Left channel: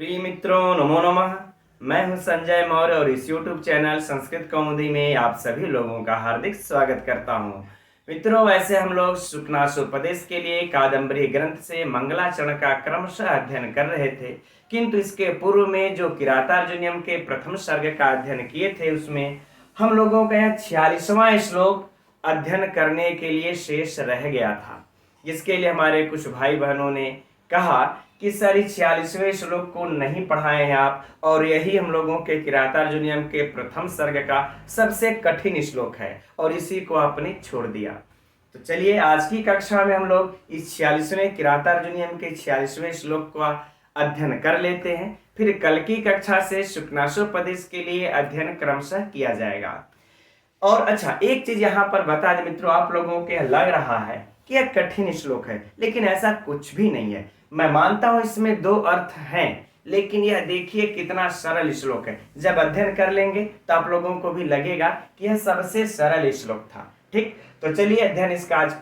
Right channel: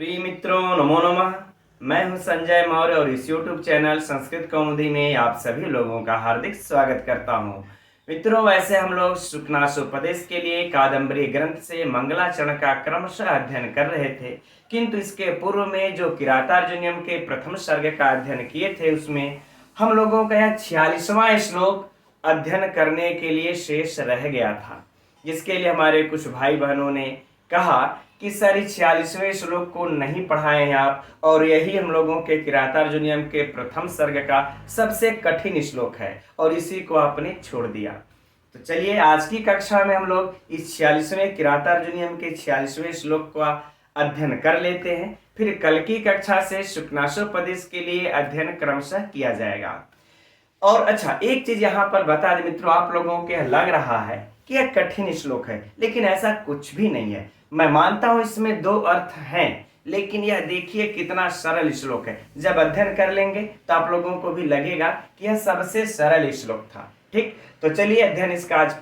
प्रिय मित्रों, नमो नमः। मैं हूं संजय मौर्य और इस YouTube चैनल संस्कृत कौमुदी में आप सभी लोगों का हार्दिक स्वागत करता हूं। मित्रों, वैसे हम लोग सुखनासोपदेश के लिए कादम्बरी ग्रंथ से मंगलाचरण का क्रमशः अध्ययन कर रहे थे, किंतु इसके पूर्व में जो किरातार्जुनीयम के प्रथम सर्ग का अध्ययन किए थे उसमें हम लोगों का यह 46वां श्लोक अध्ययन करने के लिए शेष रह गया था, जिसके लिए हमारे कुछ भाई बहनों ने कहा कि सर इस 46वें श्लोक को नहीं पढ़ाए हैं आप, और यही हम लोगों के किरातार्जुनीयम के प्रथम सर्ग का सबसे कठिन श्लोक है और इसी को आपने छोड़ दिया। तो चलिए आज की कक्षा में हम लोग इस 46वें किरातार्जुनीयम के 46वें श्लोक का अध्ययन कर लेते हैं। फिर कल की कक्षा से शुक्नासोपदेश के लिए अध्ययन क्रमशः किया जाएगा। और अच्छा, एक चीज यहाँ पर बता दें मित्रों, आप लोगों के लग रहा है कि यह कठिन श्लोक है, लेकिन ऐसा कुछ भी नहीं है। मैं मानता हूं इसमें दो अर्थ हैं, लेकिन यह देखिए कितना सरल श्लोक है। जब अध्ययन कर लेंगे तो आप लोगों को भी लगेगा कि यह सबसे सरल श्लोक था। ठीक, तो चलिए अध्ययन इसका आज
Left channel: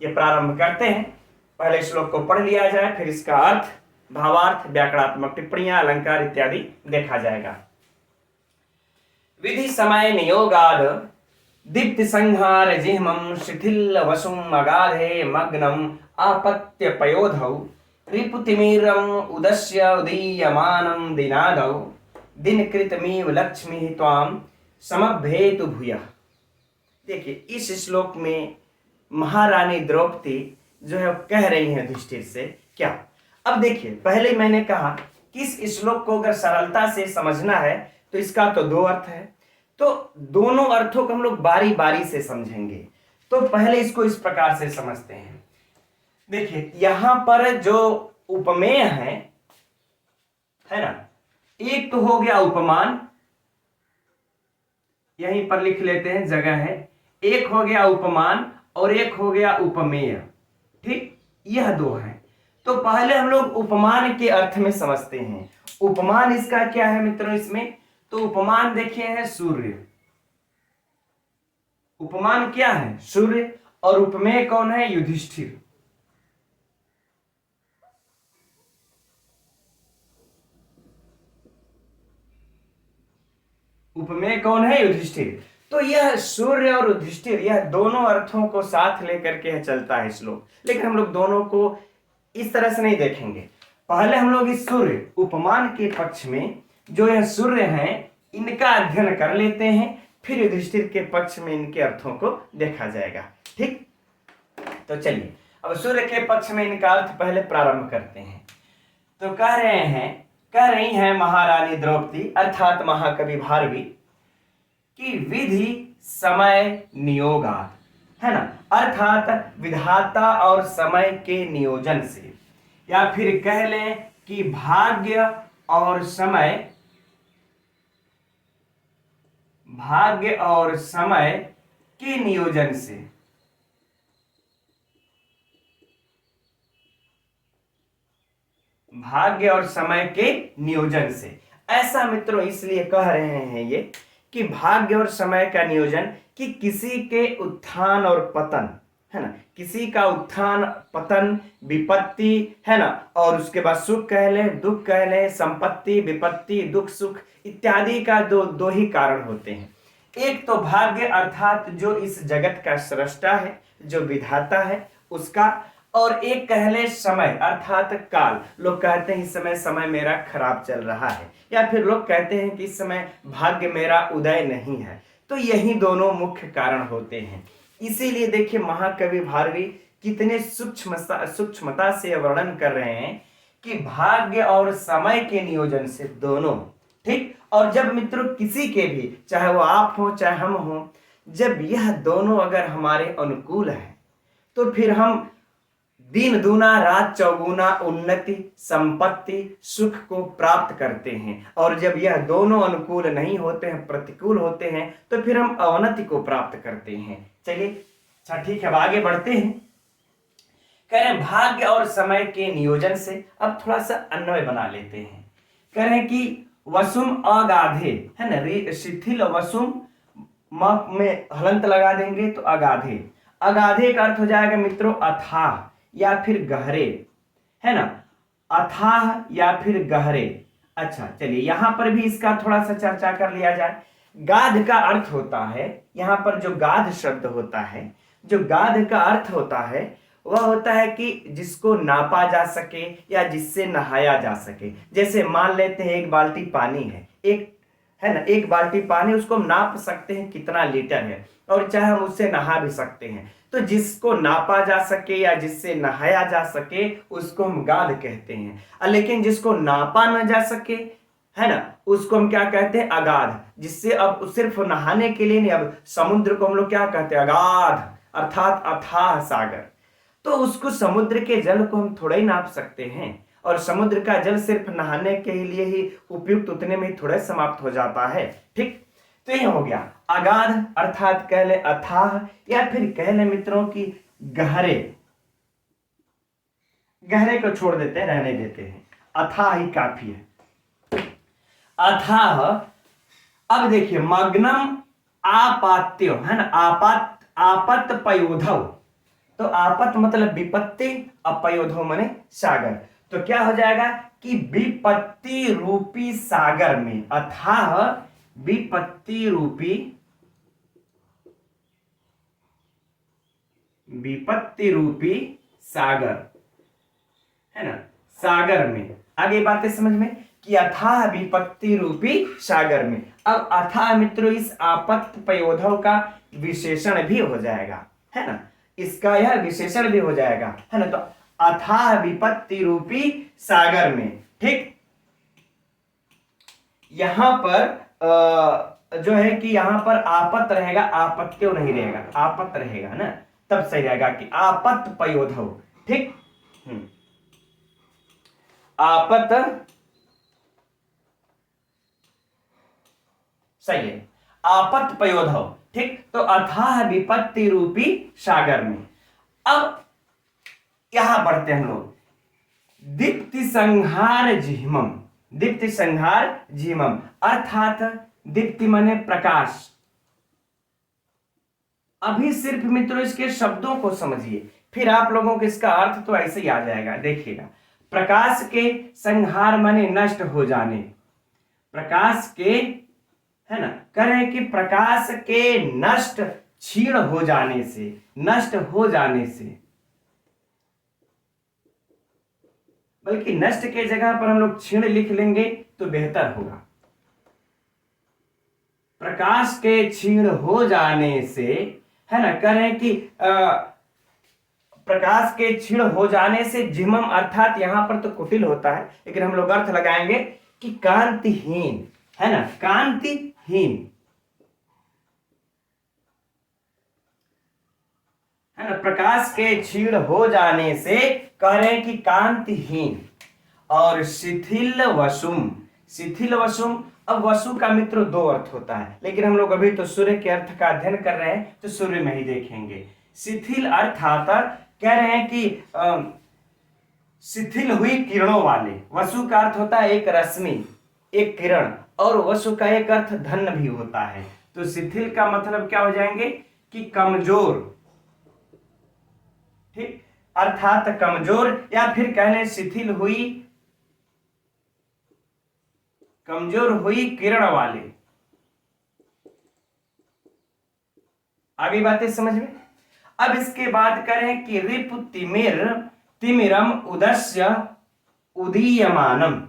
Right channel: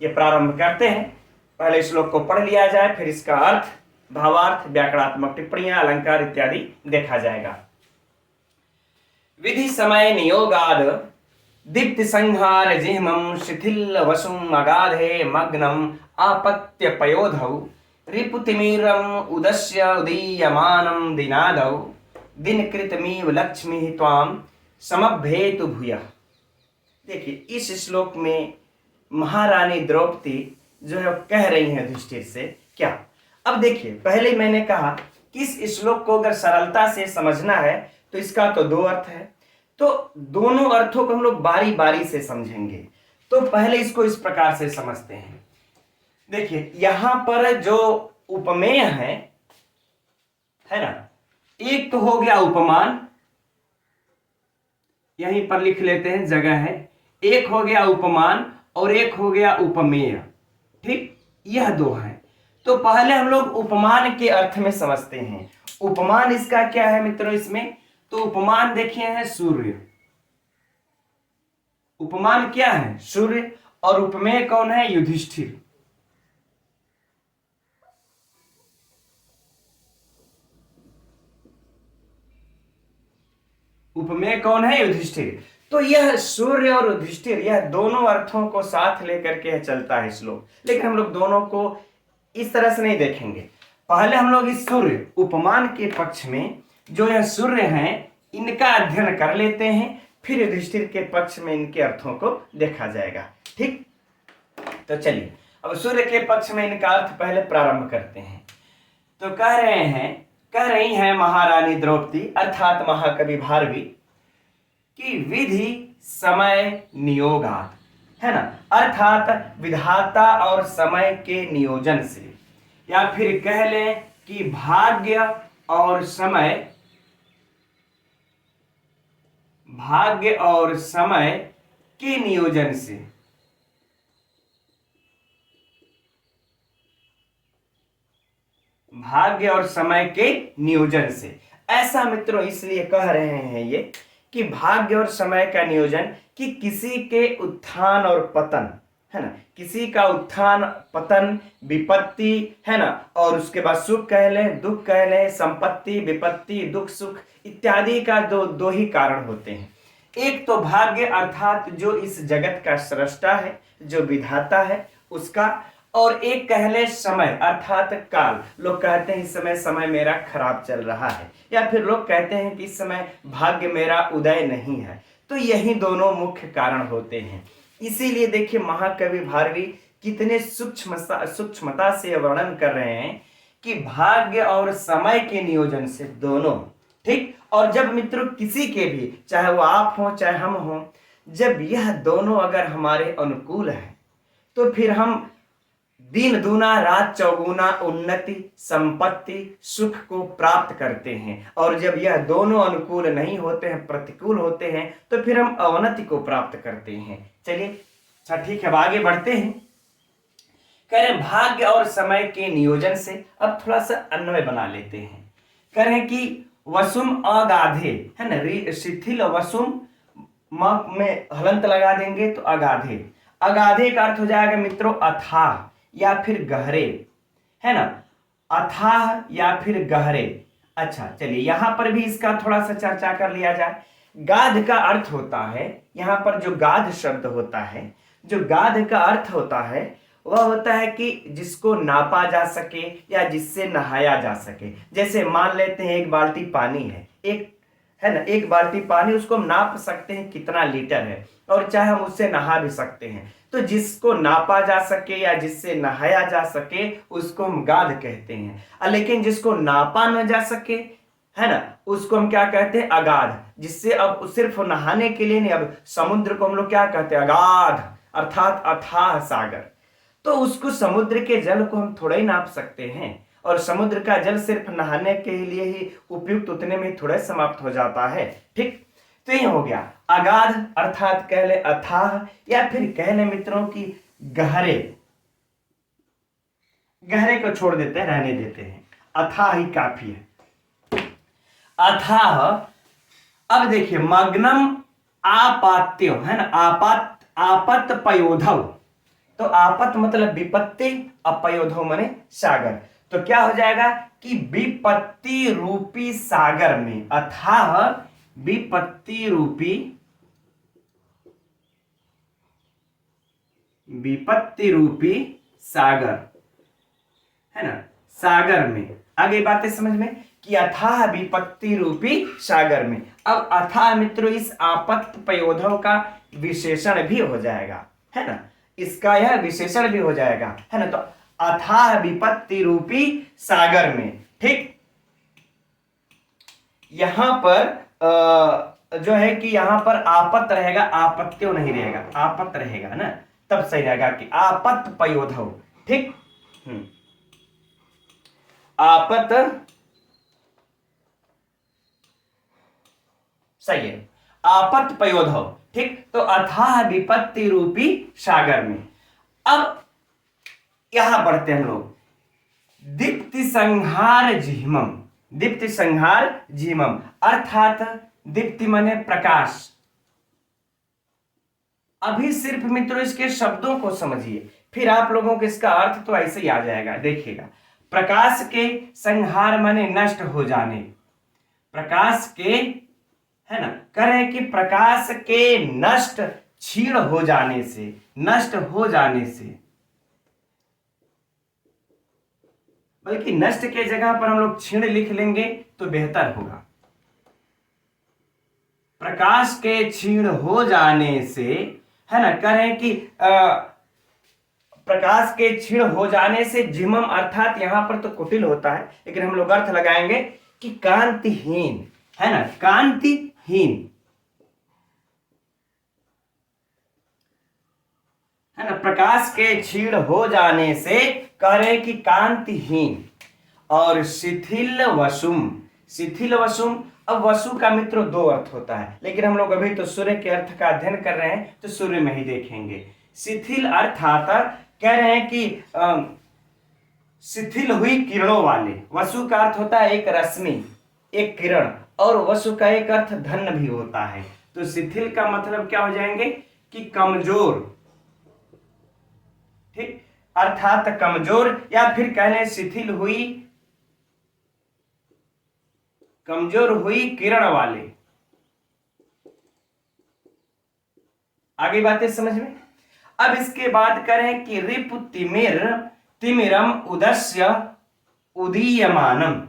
ये प्रारंभ करते हैं। पहले श्लोक को पढ़ लिया जाए, फिर इसका अर्थ, भावार्थ, व्याकरणात्मक टिप्पणियां, अलंकार इत्यादि देखा जाएगा। विधि समय नियोगाद दीप्ति संहार जिह्मं शिथिल वसुम अगाधे मग्नम आपत्य पयोधौ रिपुतिमीरम उदस्य उदीयमानं दिनादौ दिनकृतमीव लक्ष्मी त्वाम समभ्येतु भूयः। देखिए इस श्लोक में महारानी द्रौपदी जो है कह रही है युधिष्ठिर से क्या। अब देखिए, पहले मैंने कहा कि इस श्लोक को अगर सरलता से समझना है तो इसका तो दो अर्थ है, तो दोनों अर्थों को हम लोग बारी बारी से समझेंगे। तो पहले इसको इस प्रकार से समझते हैं। देखिए यहां पर जो उपमेय है ना, एक तो हो गया उपमान, यहीं पर लिख लेते हैं, जगह है। एक हो गया उपमान और एक हो गया उपमेय। ठीक, यह दो है। तो पहले हम लोग उपमान के अर्थ में समझते हैं। उपमान इसका क्या है मित्रों इसमें, तो उपमान देखिए है सूर्य। उपमान क्या है? सूर्य। और उपमेय कौन है? युधिष्ठिर। उपमेय कौन है? युधिष्ठिर। तो यह सूर्य और युधिष्ठिर, यह दोनों अर्थों को साथ लेकर के चलता है श्लोक, लेकिन हम लोग दोनों को इस तरह से नहीं देखेंगे। पहले हम लोग इस सूर्य उपमान के पक्ष में जो यह सूर्य है इनका अध्ययन कर लेते हैं, फिर युधिष्ठिर के पक्ष में इनके अर्थों को देखा जाएगा। ठीक, तो चलिए अब सूर्य के पक्ष में इनका अर्थ पहले प्रारंभ करते हैं। तो कह रही हैं महारानी द्रौपदी अर्थात महाकवि भारवी कि विधि समय नियोगात, है ना, अर्थात विधाता और समय के नियोजन से, या फिर कह लें कि भाग्य और समय के नियोजन से, भाग्य और समय के नियोजन से। ऐसा मित्रों इसलिए कह रहे हैं ये कि भाग्य और समय का नियोजन, कि किसी के उत्थान और पतन, है ना, किसी का उत्थान पतन, विपत्ति, है ना, और उसके बाद सुख कह लें, दुख कह लें, संपत्ति, विपत्ति, दुख, सुख इत्यादि का दो ही कारण होते हैं। एक तो भाग्य अर्थात जो इस जगत का सृष्टा है, जो विधाता है उसका, और एक कह ले समय अर्थात काल। लोग कहते हैं इस समय मेरा खराब चल रहा है, या फिर लोग कहते हैं कि इस समय भाग्य मेरा उदय नहीं है। तो यही दोनों मुख्य कारण होते हैं। इसीलिए देखिए महाकवि भारवी कितने सूक्ष्मता से वर्णन कर रहे हैं कि भाग्य और समय के नियोजन से दोनों। ठीक, और जब मित्रों किसी के भी, चाहे वो आप हो चाहे हम हो, जब यह दोनों अगर हमारे अनुकूल है तो फिर हम दिन दूना रात चौगुना उन्नति, संपत्ति, सुख को प्राप्त करते हैं। और जब यह दोनों अनुकूल नहीं होते हैं, प्रतिकूल होते हैं, तो फिर हम अवनति को प्राप्त करते हैं। चलिए अच्छा ठीक है, अब आगे बढ़ते हैं। कह रहे भाग्य और समय के नियोजन से। अब थोड़ा सा अन्वय बना लेते हैं। कह रहे कि वसुम अगाधे, है ना, शिथिल वसुम में हलंत लगा देंगे तो अगाधे। अगाधे का अर्थ हो जाएगा मित्रों अथाह या फिर गहरे, है ना, अथाह या फिर गहरे। अच्छा चलिए यहां पर भी इसका थोड़ा सा चर्चा कर लिया जाए। गाध का अर्थ होता है, यहां पर जो गाध शब्द होता है, जो गाध का अर्थ होता है वह होता है कि जिसको नापा जा सके या जिससे नहाया जा सके। जैसे मान लेते हैं एक बाल्टी पानी है, एक है ना, एक बाल्टी पानी, उसको हम नाप सकते हैं कितना लीटर है, और चाहे हम उससे नहा भी सकते हैं। तो जिसको नापा जा सके या जिससे नहाया जा सके उसको हम गाध कहते हैं। लेकिन जिसको नापा न जा सके, है ना, उसको हम क्या कहते हैं, अगाध। जिससे अब सिर्फ नहाने के लिए नहीं, अब समुद्र को हम लोग क्या कहते हैं, अगाध, अर्थात अथाह सागर। तो उसको समुद्र के जल को हम थोड़ा ही नाप सकते हैं, और समुद्र का जल सिर्फ नहाने के लिए ही उपयुक्त, उतने में ही थोड़ा समाप्त हो जाता है। ठीक, तो ये हो गया अगाध, अर्थात कह ले अथाह, या फिर कह ले मित्रों की गहरे। गहरे को छोड़ देते हैं, रहने देते हैं, अथाह ही काफी है। अथाह, अब देखिए मग्नम आपात्यो, है ना, आपत पयोधव। तो आपत मतलब विपत्ति, अपयोधव माने सागर। तो क्या हो जाएगा कि विपत्ति रूपी सागर में, अथाह विपत्ति रूपी, विपत्ति रूपी सागर, है ना, सागर में। आगे बातें समझ में कि अथाह विपत्ति रूपी सागर में। अब अथाह मित्रों इस आपत्त पयोधव का विशेषण भी हो जाएगा, है ना, इसका यह विशेषण भी हो जाएगा, है ना। तो अथाह विपत्ति रूपी सागर में, ठीक। यहां पर जो है कि यहां पर आपत रहेगा, आपत्त्यो नहीं रहेगा, आपत रहेगा ना, तब सही रहेगा कि आपत पयोधव। ठीक, आपत सही है, आपत पयोधव। ठीक, तो अथाह विपत्ति रूपी सागर में। अब यहां बढ़ते हैं हम लोग, दीप्ति संहार जिह्मम। दीप्ति संहार जिह्मम अर्थात दीप्ति माने प्रकाश। अभी सिर्फ मित्रों इसके शब्दों को समझिए, फिर आप लोगों को इसका अर्थ तो ऐसे ही आ जाएगा। देखिएगा, प्रकाश के संहार माने नष्ट हो जाने, प्रकाश के, है ना, कह रहे हैं कि प्रकाश के नष्ट, क्षीण हो जाने से, नष्ट हो जाने से, बल्कि नष्ट के जगह पर हम लोग क्षीण लिख लेंगे तो बेहतर होगा। प्रकाश के क्षीण हो जाने से, है ना, कह रहे हैं कि प्रकाश के क्षीण हो जाने से जिह्मम, अर्थात यहां पर तो कुटिल होता है, लेकिन हम लोग अर्थ लगाएंगे कि कांतिहीन, है ना, कांतिहीन, है ना, प्रकाश के क्षीण हो जाने से कह रहे हैं कि कांतिहीन। और शिथिल वसुम, शिथिल वसुम। अब वसु का मित्रों दो अर्थ होता है, लेकिन हम लोग अभी तो सूर्य के अर्थ का अध्ययन कर रहे हैं, तो सूर्य में ही देखेंगे। शिथिल अर्थात कह रहे हैं कि शिथिल हुई किरणों वाले। वसु का अर्थ होता है एक रश्मि, एक किरण, और वसु का एक अर्थ धन भी होता है। तो शिथिल का मतलब क्या हो जाएंगे कि कमजोर, ठीक, अर्थात कमजोर, या फिर कहने शिथिल हुई, कमजोर हुई किरण वाले। आगे बातें समझ में। अब इसके बाद करें कि रिपु तिमिर, तिमिरम उदस्य उदीयमानम।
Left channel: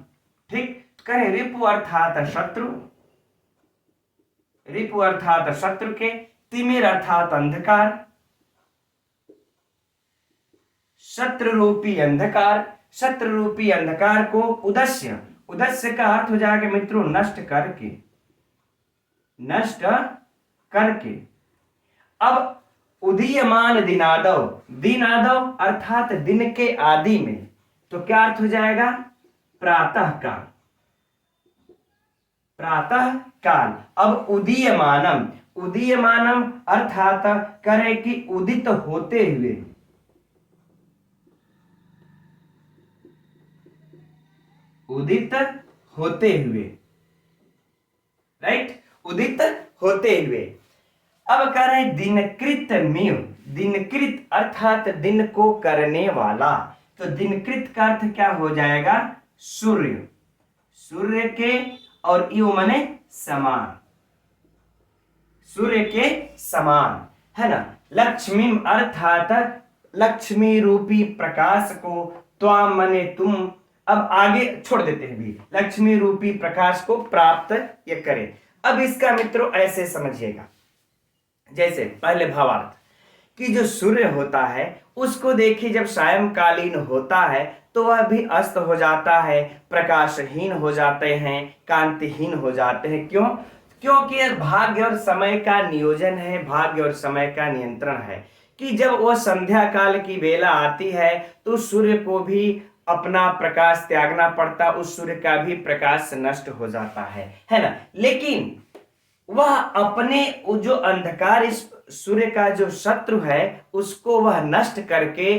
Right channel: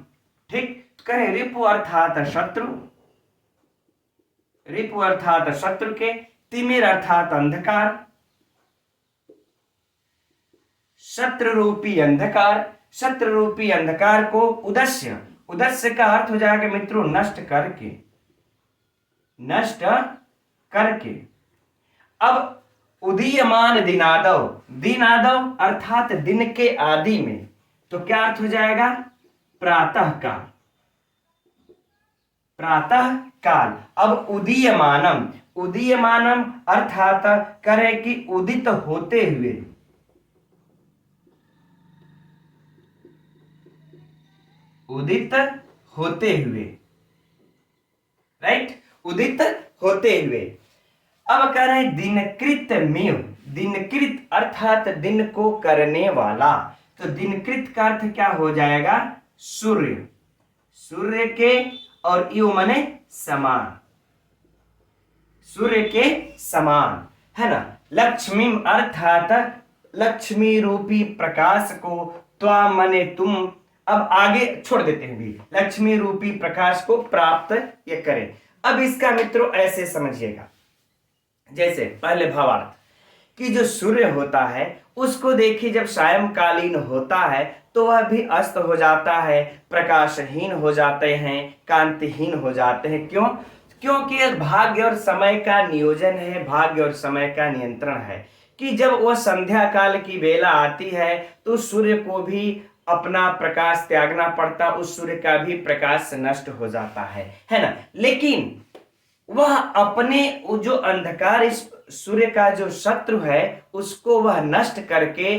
ठीक, करें रिपु अर्थात शत्रु, रिपु अर्थात शत्रु के, तिमिर अर्थात अंधकार, शत्रु रूपी अंधकार, शत्रु रूपी अंधकार को उदस्य, उदस्य का अर्थ हो जाएगा मित्रों नष्ट करके, नष्ट करके। अब उदीयमान दिनादव, दिनादव अर्थात दिन के आदि में, तो क्या अर्थ हो जाएगा, प्रातः काल, प्रातः काल। अब उदीयमानम, उदीयमानम अर्थात करे कि उदित होते हुए, उदित होते हुए, राइट, उदित होते हुए। अब कह रहे हैं दिनकृत मिव, दिनकृत अर्थात दिन को करने वाला। तो दिनकृत का अर्थ क्या हो जाएगा, सूर्य, सूर्य के, और यु माने समान, सूर्य के समान, है ना। लक्ष्मी अर्थात लक्ष्मी रूपी प्रकाश को, त्वाम माने तुम, अब आगे छोड़ देते हैं भी, लक्ष्मी रूपी प्रकाश को प्राप्त ये करें। अब इसका मित्रों ऐसे समझिएगा, जैसे पहले भावार्थ कि जो सूर्य होता है उसको देखिए जब सायंकालीन होता है तो वह भी अस्त हो जाता है, प्रकाशहीन हो जाते हैं, कांतिहीन हो जाते हैं। क्यों? क्योंकि यह भाग्य और समय का नियोजन है, भाग्य और समय का नियंत्रण है कि जब वह संध्या काल की वेला आती है तो सूर्य को भी अपना प्रकाश त्यागना पड़ता, उस सूर्य का भी प्रकाश नष्ट हो जाता है ना। लेकिन वह अपने जो अंधकार, इस सूर्य का जो शत्रु है उसको वह नष्ट करके,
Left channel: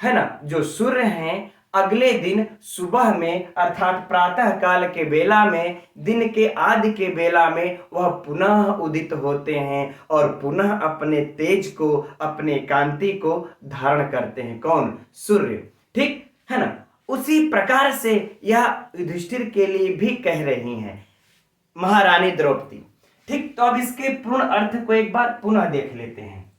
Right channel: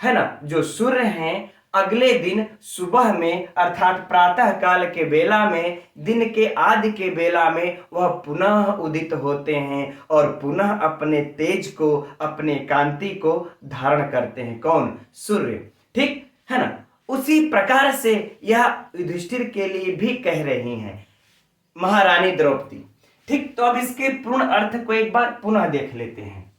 है ना, जो सूर्य हैं अगले दिन सुबह में अर्थात प्रातः काल के बेला में, दिन के आदि के बेला में वह पुनः उदित होते हैं और पुनः अपने तेज को, अपने कांति को धारण करते हैं। कौन? सूर्य। ठीक है ना। उसी प्रकार से यह युधिष्ठिर के लिए भी कह रही हैं महारानी द्रौपदी। ठीक, तो अब इसके पूर्ण अर्थ को एक बार पुनः देख लेते हैं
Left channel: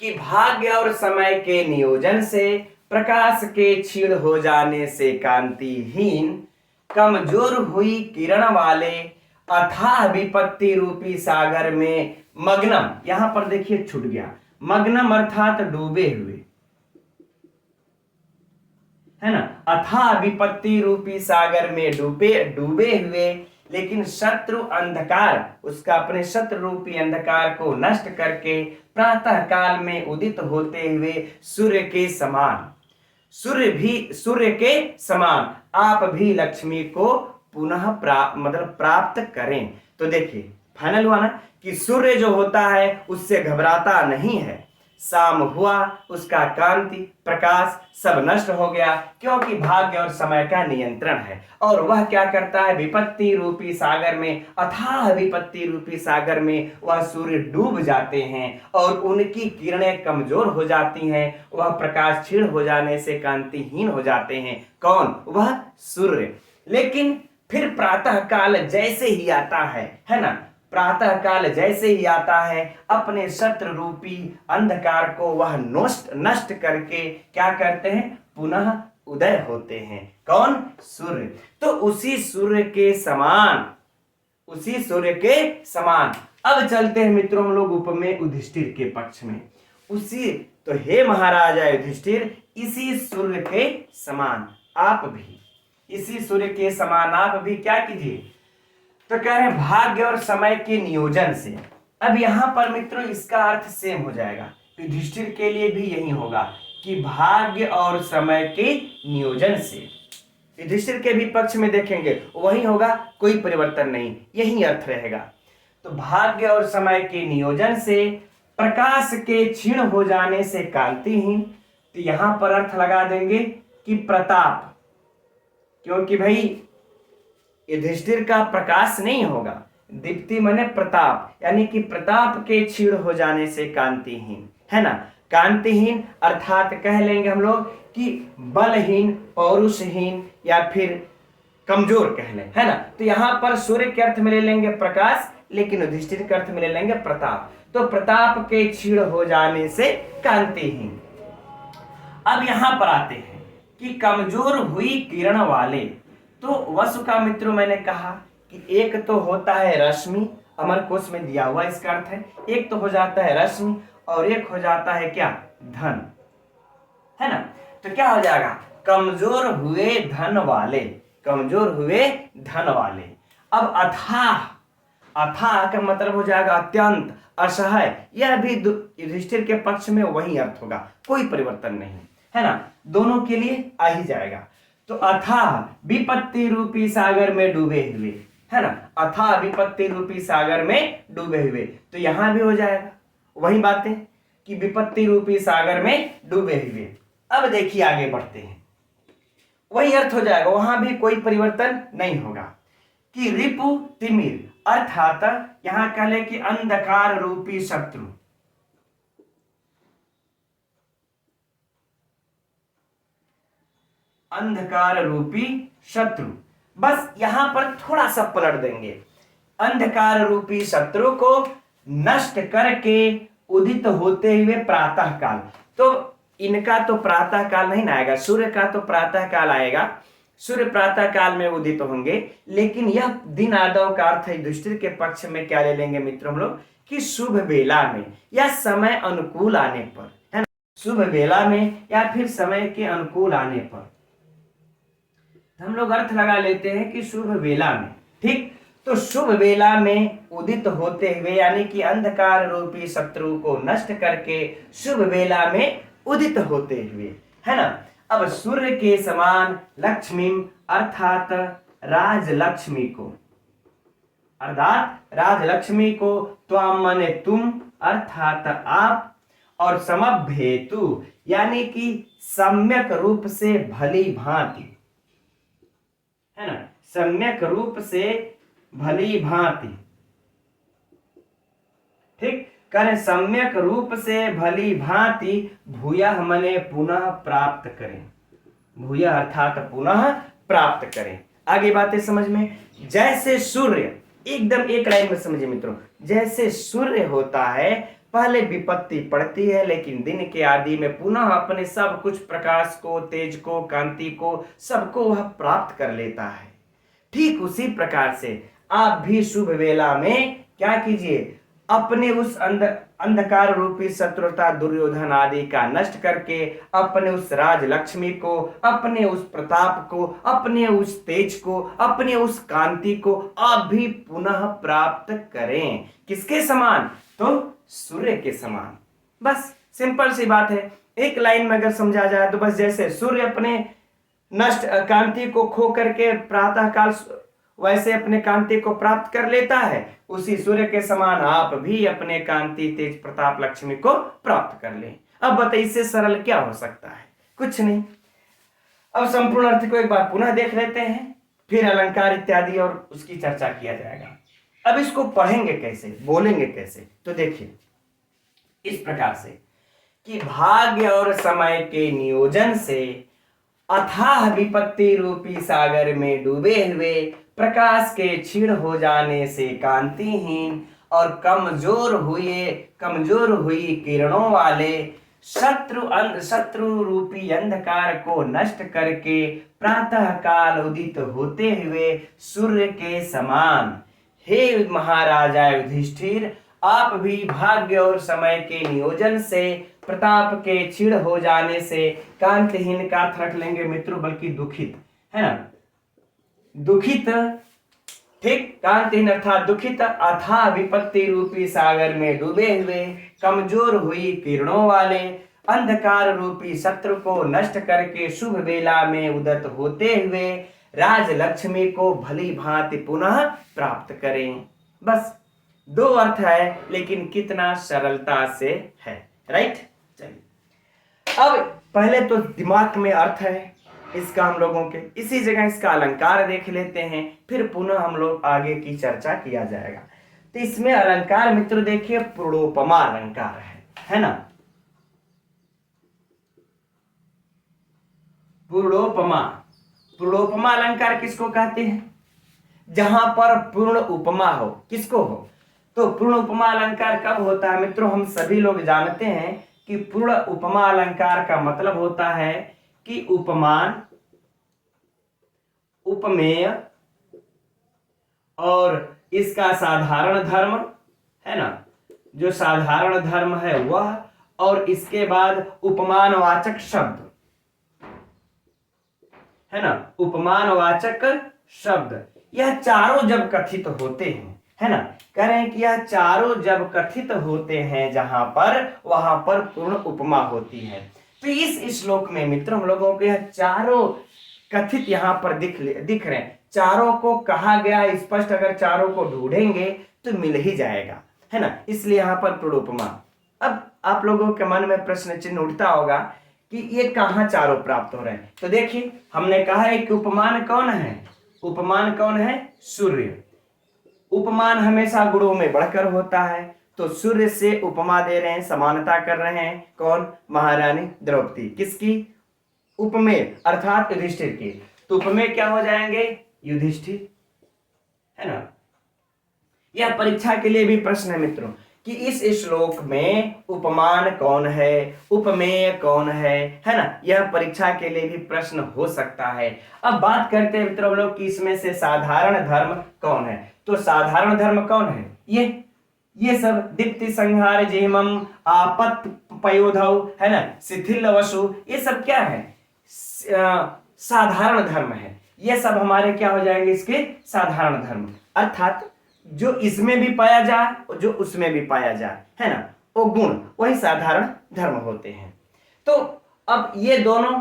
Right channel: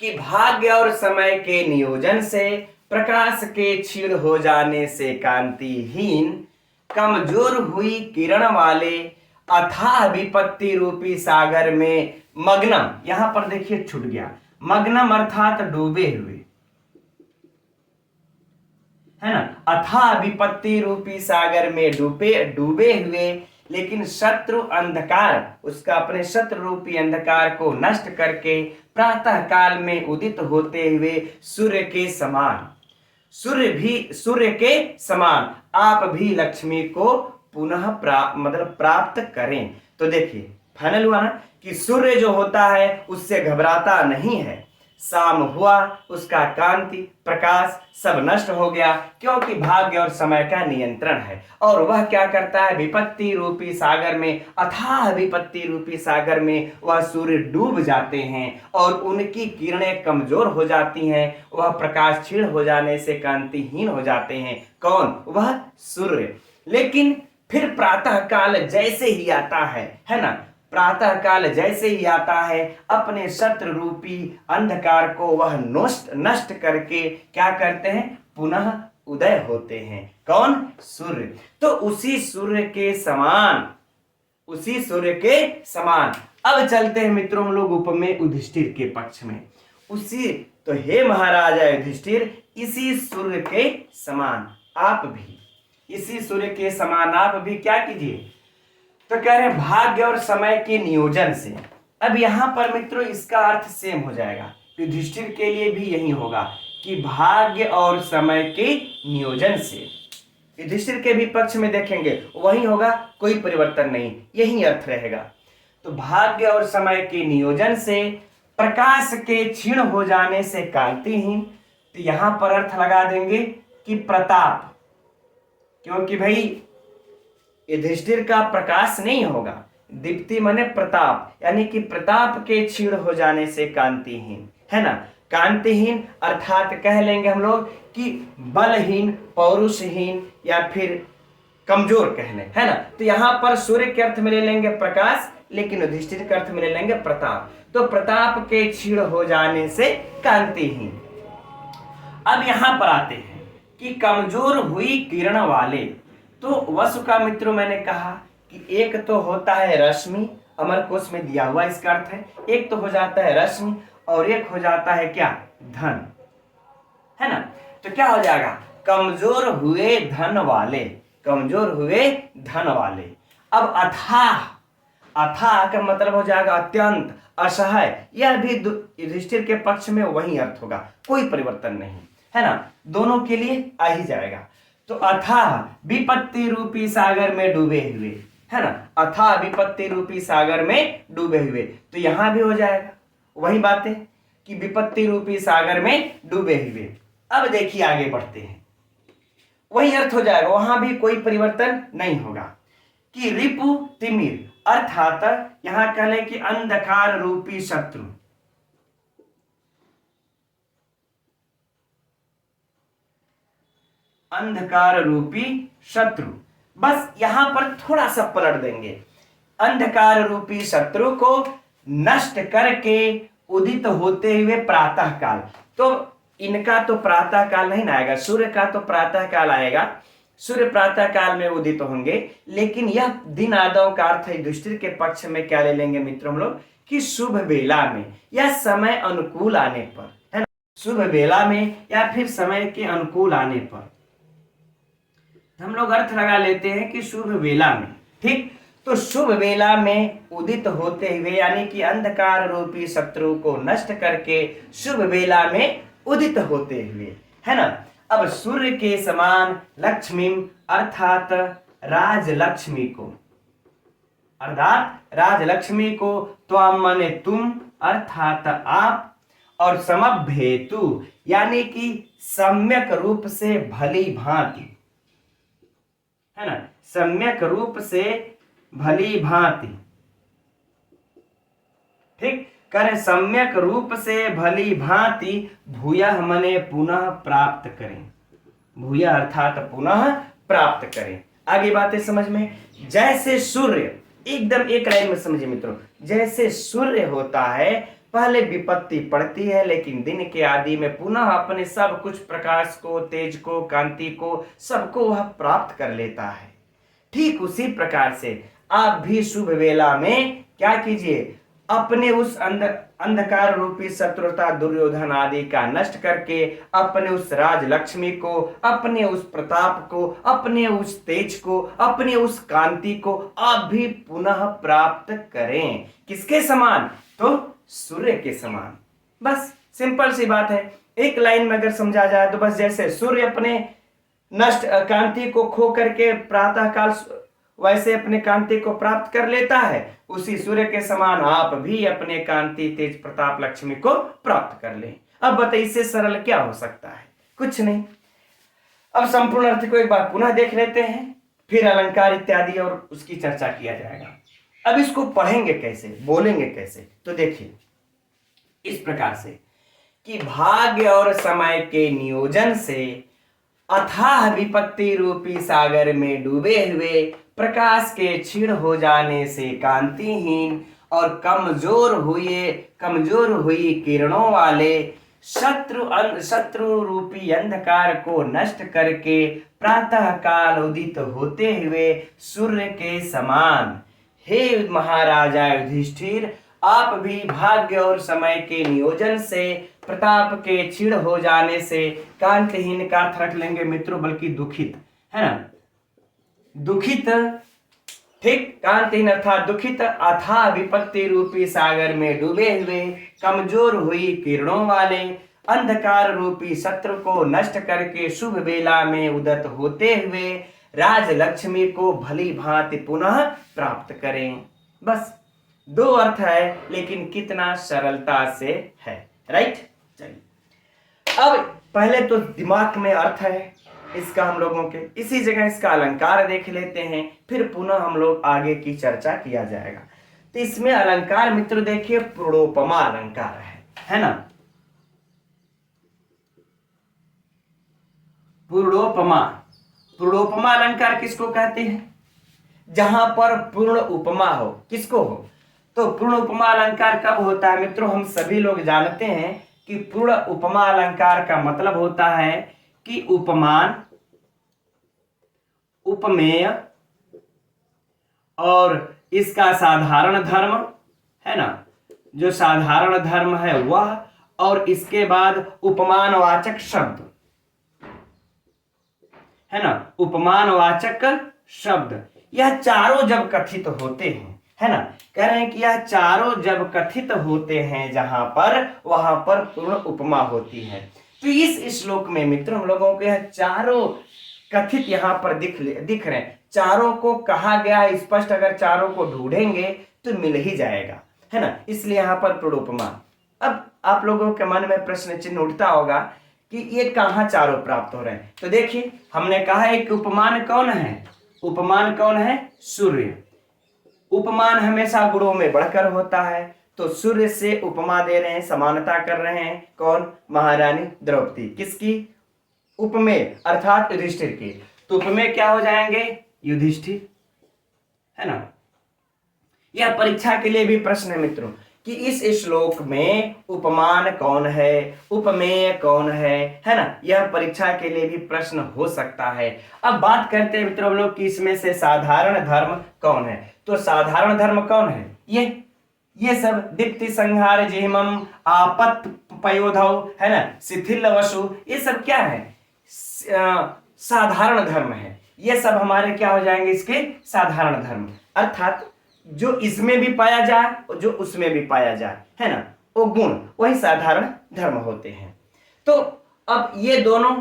कि भाग्य और समय के नियोजन से, प्रकाश के क्षीण हो जाने से, कांतिहीन कमजोर हुई किरण वाले अथाह विपत्ति रूपी सागर में मग्नम, यहां पर देखिए छूट गया, मग्नम अर्थात डूबे हुए, है ना, अथाह विपत्ति रूपी सागर में डूबे डूबे हुए, लेकिन शत्रु अंधकार, उसका अपने शत्रु रूपी अंधकार को नष्ट करके प्रातः काल में उदित होते हुए सूर्य के समान, सूर्य के समान आप भी लक्ष्मी को पुनः मतलब प्राप्त करें। तो देखिए फाइनल हुआ ना कि सूर्य जो होता है उससे घबराता नहीं है, शाम हुआ उसका कांति प्रकाश सब नष्ट हो गया, क्योंकि भाग्य और समय का नियंत्रण है। और वह क्या करता है? विपत्ति रूपी सागर में, अथाह विपत्ति रूपी सागर में वह सूर्य डूब जाते हैं और उनकी किरणें कमजोर हो जाती हैं, वह प्रकाश क्षीण हो जाने से कांतिहीन हो जाते हैं। कौन? वह सूर्य। लेकिन फिर प्रातः काल जैसे ही आता है ना, प्रातः काल जैसे ही आता है अपने शत्रु रूपी अंधकार को वह नष्ट करके क्या करते हैं? पुनः उदय होते हैं। कौन? सूर्य। तो उसी सूर्य के समान, उसी सूर्य के समान। अब चलते हैं मित्रों हम लोग उपमेय युधिष्ठिर के पक्ष में। उसी तो हे महाराजा युधिष्ठिर, इसी सूर्य के समान आप भी, इसी सूर्य के समान आप भी क्या कीजिए? तो कह रहे हैं भाग्य और समय के नियोजन से। अब यहां पर मित्रों इसका अर्थ सेम हो जाएगा, युधिष्ठिर के लिए भी यही होगा कि भाग्य और समय के नियोजन से। युधिष्ठिर के भी पक्ष में देखेंगे वही होगा, कोई परिवर्तन नहीं, यही अर्थ रहेगा। तो भाग्य और समय के नियोजन से, प्रकाश के क्षीण हो जाने से कांतिहीन, तो यहां पर अर्थ लगा देंगे कि प्रताप, क्योंकि भाई युधिष्ठिर का प्रकाश नहीं होगा, दीप्ति माने प्रताप, यानी कि प्रताप के क्षीण हो जाने से कांतिहीन, है ना। कांतिहीन अर्थात कह लेंगे हम लोग कि बलहीन, पौरुषहीन या फिर कमजोर कह लें, है ना। तो यहां पर सूर्य के अर्थ में ले लेंगे प्रकाश, लेकिन युधिष्ठिर के अर्थ में ले लेंगे प्रताप। तो प्रताप के क्षीण हो जाने से कांतिहीन। अब यहां पर आते हैं कि कमजोर हुई किरण वाले। तो वसु का मित्रों मैंने कहा कि एक तो होता है रश्मि, अमर कोश में दिया हुआ इसका अर्थ है, एक तो हो जाता है रश्मि और एक हो जाता है क्या? धन, है ना। तो क्या हो जाएगा? कमजोर हुए धन वाले, कमजोर हुए धन वाले। अब अथाह, अथाह का मतलब हो जाएगा अत्यंत, असहाय, यह भी युधिष्ठिर के पक्ष में वही अर्थ होगा, कोई परिवर्तन नहीं, है ना, दोनों के लिए आ ही जाएगा। तो अथाह विपत्ति रूपी सागर में डूबे हुए, है ना, अथाह विपत्ति रूपी सागर में डूबे हुए, तो यहां भी हो जाएगा वही बातें कि विपत्ति रूपी सागर में डूबे हुए। अब देखिए आगे बढ़ते हैं, वही अर्थ हो जाएगा, वहां भी कोई परिवर्तन नहीं होगा कि रिपु तिमिर अर्थात यहां कह ले कि अंधकार रूपी शत्रु, अंधकार रूपी शत्रु, बस यहां पर थोड़ा सा पलट देंगे। अंधकार रूपी शत्रु को नष्ट करके उदित होते हुए प्रातः काल। तो इनका तो प्रातः काल नहीं ना आएगा, सूर्य का तो प्रातः काल आएगा, सूर्य प्रातः काल में उदित होंगे। लेकिन यह दिन आदव का अर्थ है युधिष्ठिर के पक्ष में क्या ले लेंगे मित्रों हम लोग कि शुभ वेला में या समय अनुकूल आने पर, है ना, शुभ वेला में या फिर समय के अनुकूल आने पर हम लोग अर्थ लगा लेते हैं कि शुभ वेला में। ठीक, तो शुभ वेला में उदित होते हुए यानी कि अंधकार रूपी शत्रु को नष्ट करके शुभ वेला में उदित होते हुए, है ना। अब सूर्य के समान लक्ष्मी अर्थात राजलक्ष्मी को, त्वाम माने तुम अर्थात आप, और समभ्येतु यानी कि सम्यक रूप से भली भांति, है ना, सम्यक रूप से भली भांति। ठीक, करें सम्यक रूप से भली भांति भूयः मने पुनः प्राप्त करें, भूयः अर्थात पुनः प्राप्त करें। आगे बातें समझ में, जैसे सूर्य, एकदम एक लाइन में समझिए मित्रों, जैसे सूर्य होता है पहले विपत्ति पड़ती है लेकिन दिन के आदि में पुनः अपने सब कुछ प्रकाश को, तेज को, कांति को, सबको वह प्राप्त कर लेता है। ठीक उसी प्रकार से आप भी शुभ वेला में क्या कीजिए, अपने उस अंधकार रूपी शत्रुता दुर्योधन आदि का नष्ट करके अपने उस राजलक्ष्मी को, अपने उस प्रताप को, अपने उस तेज को, अपने उस कांति को आप भी पुनः प्राप्त करें। किसके समान? तो सूर्य के समान। बस सिंपल सी बात है, एक लाइन में अगर समझा जाए तो बस जैसे सूर्य अपने नष्ट कांति को खो करके प्रातः काल वैसे अपने कांति को प्राप्त कर लेता है, उसी सूर्य के समान आप भी अपने कांति तेज प्रताप लक्ष्मी को प्राप्त कर लें। अब बताइए इससे सरल क्या हो सकता है? कुछ नहीं। अब संपूर्ण अर्थ को एक बार पुनः देख लेते हैं, फिर अलंकार इत्यादि और उसकी चर्चा किया जाएगा। अब इसको पढ़ेंगे कैसे, बोलेंगे कैसे? तो देखिए इस प्रकार से कि भाग्य और समय के नियोजन से अथाह विपत्ति रूपी सागर में डूबे हुए प्रकाश के क्षीण हो जाने से कांतिहीन और कमजोर हुई किरणों वाले शत्रु रूपी अंधकार को नष्ट करके प्रातः काल उदित होते हुए सूर्य के समान, हे महाराजा युधिष्ठिर, आप भी भाग्य और समय के नियोजन से प्रताप के क्षीण हो जाने से कांतिहीन का अर्थ रख लेंगे मित्रों, बल्कि दुखित, है ना, दुखित। ठीक, कांतिहीन अर्थात दुखित अथाह विपत्ति रूपी सागर में डूबे हुए कमजोर हुई किरणों वाले अंधकार रूपी शत्रु को नष्ट करके शुभ वेला में उदित होते हुए राजलक्ष्मी को भली भांति पुनः प्राप्त करें। बस दो अर्थ है, लेकिन कितना सरलता से है, राइट। चलिए अब पहले तो दिमाग में अर्थ है इसका हम लोगों के, इसी जगह इसका अलंकार देख लेते हैं, फिर पुनः हम लोग आगे की चर्चा किया जाएगा। तो इसमें अलंकार मित्र देखिए पूर्णोपमा अलंकार है ना, पूर्णोपमा अलंकार किसको कहते हैं? जहां पर पूर्ण उपमा हो, किसको हो? तो पूर्ण उपमा अलंकार कब होता है मित्रों? हम सभी लोग जानते हैं कि पूर्ण उपमा अलंकार का मतलब होता है कि उपमान, उपमेय और इसका साधारण धर्म, है ना, जो साधारण धर्म है वह, और इसके बाद उपमानवाचक शब्द, है ना, उपमानवाचक शब्द, यह चारों जब कथित होते हैं, है ना, कह रहे हैं कि यह चारों जब कथित होते हैं जहां पर, वहां पर पूर्ण उपमा होती है। तो इस श्लोक में मित्र हम लोगों को यह चारों कथित यहां पर दिख रहे हैं, चारों को कहा गया स्पष्ट, अगर चारों को ढूंढेंगे तो मिल ही जाएगा, है ना, इसलिए यहां पर पूर्ण उपमा। अब आप लोगों के मन में प्रश्न चिन्ह उठता होगा कि ये कहां चारों प्राप्त हो रहे हैं? तो देखिए हमने कहा है कि उपमान कौन है? उपमान कौन है? सूर्य। उपमान हमेशा गुणों में बढ़कर होता है, तो सूर्य से उपमा दे रहे हैं, समानता कर रहे हैं, कौन? महारानी द्रौपदी। किसकी? उपमेय अर्थात युधिष्ठिर की। तो उपमेय क्या हो जाएंगे? युधिष्ठिर, है ना। यह परीक्षा के लिए भी प्रश्न है मित्रों कि इस श्लोक में उपमान कौन है, उपमेय कौन है ना। यह परीक्षा के लिए भी प्रश्न हो सकता है। अब बात करते हैं मित्रों हम लोग कि इसमें से साधारण धर्म कौन है। तो साधारण धर्म कौन है, ये सब दीप्ति संहार जेहमम आपत पयोधौ, है ना, शिथिल वसु, ये सब क्या है, साधारण धर्म है। ये सब हमारे क्या हो जाएंगे, इसके साधारण धर्म, अर्थात जो इसमें भी पाया जाए और जो उसमें भी पाया जाए, है ना, वो गुण, वही साधारण धर्म होते हैं। तो अब ये दोनों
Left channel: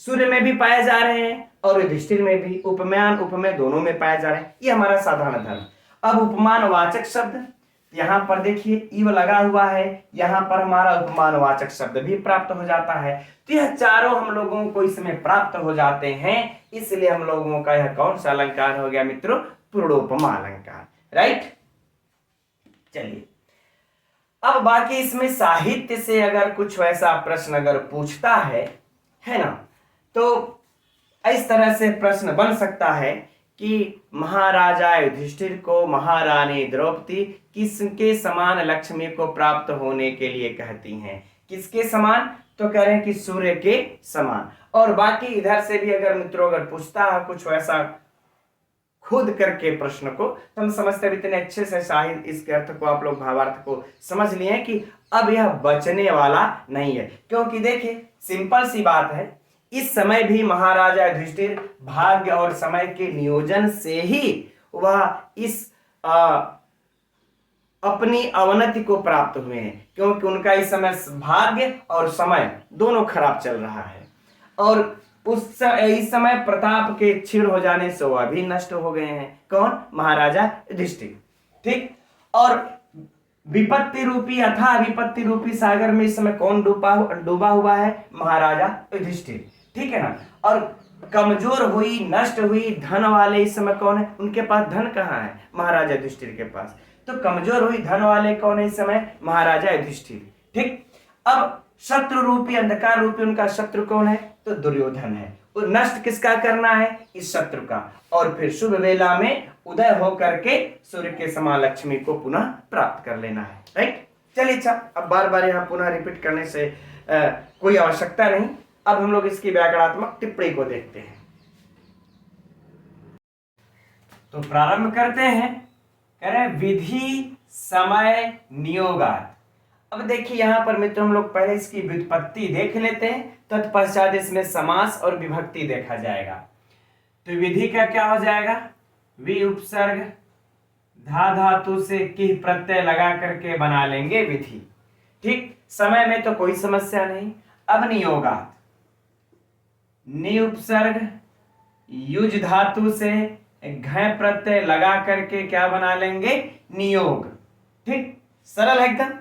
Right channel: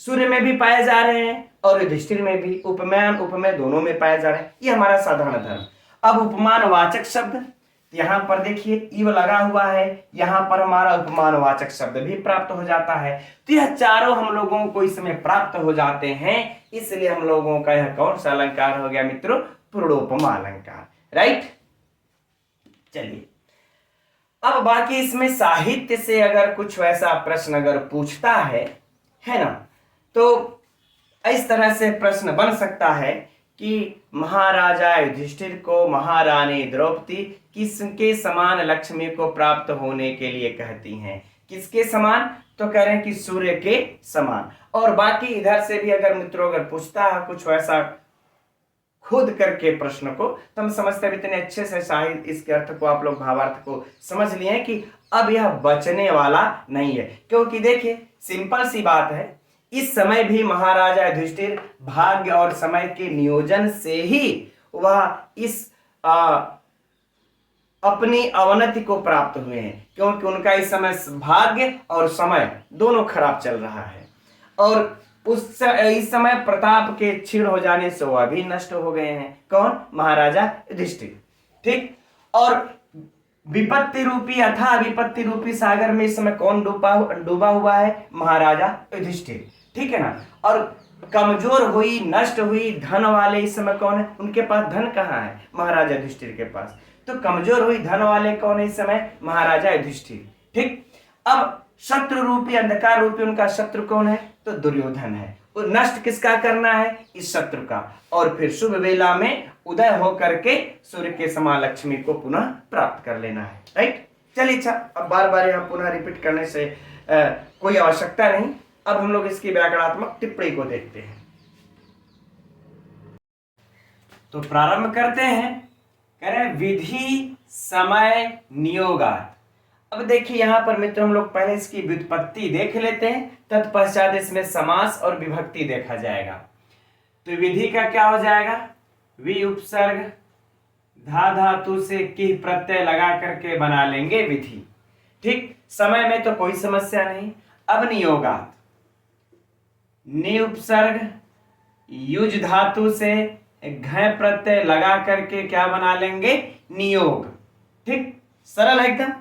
सूर्य में भी पाए जा रहे हैं और युधिष्ठिर में भी, उपमान उपमेय दोनों में पाए जा रहे हैं, ये हमारा साधारण धर्म। अब उपमान वाचक शब्द, यहां पर देखिए इव लगा हुआ है, यहां पर हमारा उपमान वाचक शब्द भी प्राप्त हो जाता है। तो यह चारों हम लोगों को इसमें प्राप्त हो जाते हैं, इसलिए हम लोगों का यह कौन सा अलंकार हो गया मित्रों, पूर्णोपमा अलंकार, राइट। चलिए अब बाकी इसमें साहित्य से अगर कुछ वैसा प्रश्न अगर पूछता है ना, तो इस तरह से प्रश्न बन सकता है कि महाराजा युधिष्ठिर को महारानी द्रौपदी किसके समान लक्ष्मी को प्राप्त होने के लिए कहती हैं, किसके समान, तो कह रहे हैं कि सूर्य के समान। और बाकी इधर से भी अगर मित्रों अगर पूछता है कुछ वैसा खुद करके प्रश्न को, तो हम समझते हैं इतने अच्छे से साहित्य इसके अर्थ को आप लोग भावार्थ को समझ लिए हैं कि अब यह बचने वाला नहीं है। क्योंकि देखिए सिंपल सी बात है, इस समय भी महाराजा युधिष्ठिर भाग्य और समय के नियोजन से ही वह इस अपनी अवनति को प्राप्त हुए हैं, क्योंकि उनका इस समय भाग्य और समय दोनों खराब चल रहा है। और इस समय प्रताप के क्षीण हो जाने से वह भी नष्ट हो गए हैं। कौन, महाराजा युधिष्ठिर, ठीक। और विपत्ति रूपी अथा विपत्ति रूपी सागर में इस समय कौन डूबा हुआ है, महाराजा युधिष्ठिर, ठीक है ना। और कमजोर हुई नष्ट हुई धन वाले इस समय कौन है, उनके पास धन कहाँ है, महाराजा युधिष्ठिर के पास। तो कमजोर हुई धन वाले कौन है इस समय, महाराजा युधिष्ठिर, ठीक। अब शत्रु रूपी अंधकार रूपी उनका शत्रु कौन है, तो दुर्योधन है। और नष्ट किसका करना है, इस शत्रु का, और फिर शुभ वेला में उदय होकर के सूर्य के समान लक्ष्मी को पुनः प्राप्त कर लेना है, राइट। चलिए अच्छा, अब बार बार यहाँ पुनः रिपीट करने से कोई आवश्यकता नहीं। अब हम लोग इसकी व्याकरणात्मक टिप्पणी को देखते हैं। तो प्रारंभ करते हैं, कह रहे हैं विधि समय नियोगात। अब देखिए यहां पर मित्र हम लोग पहले इसकी व्युत्पत्ति देख लेते हैं, तत्पश्चात इसमें समास और विभक्ति देखा जाएगा। तो विधि का क्या हो जाएगा, वि उपसर्ग धा धातु से किह प्रत्यय लगा करके बना लेंगे विधि, ठीक। समय में तो कोई समस्या नहीं। अब नियोगात, नि उपसर्ग युज धातु से घ प्रत्यय लगा करके क्या बना लेंगे, नियोग, ठीक, सरल है एकदम।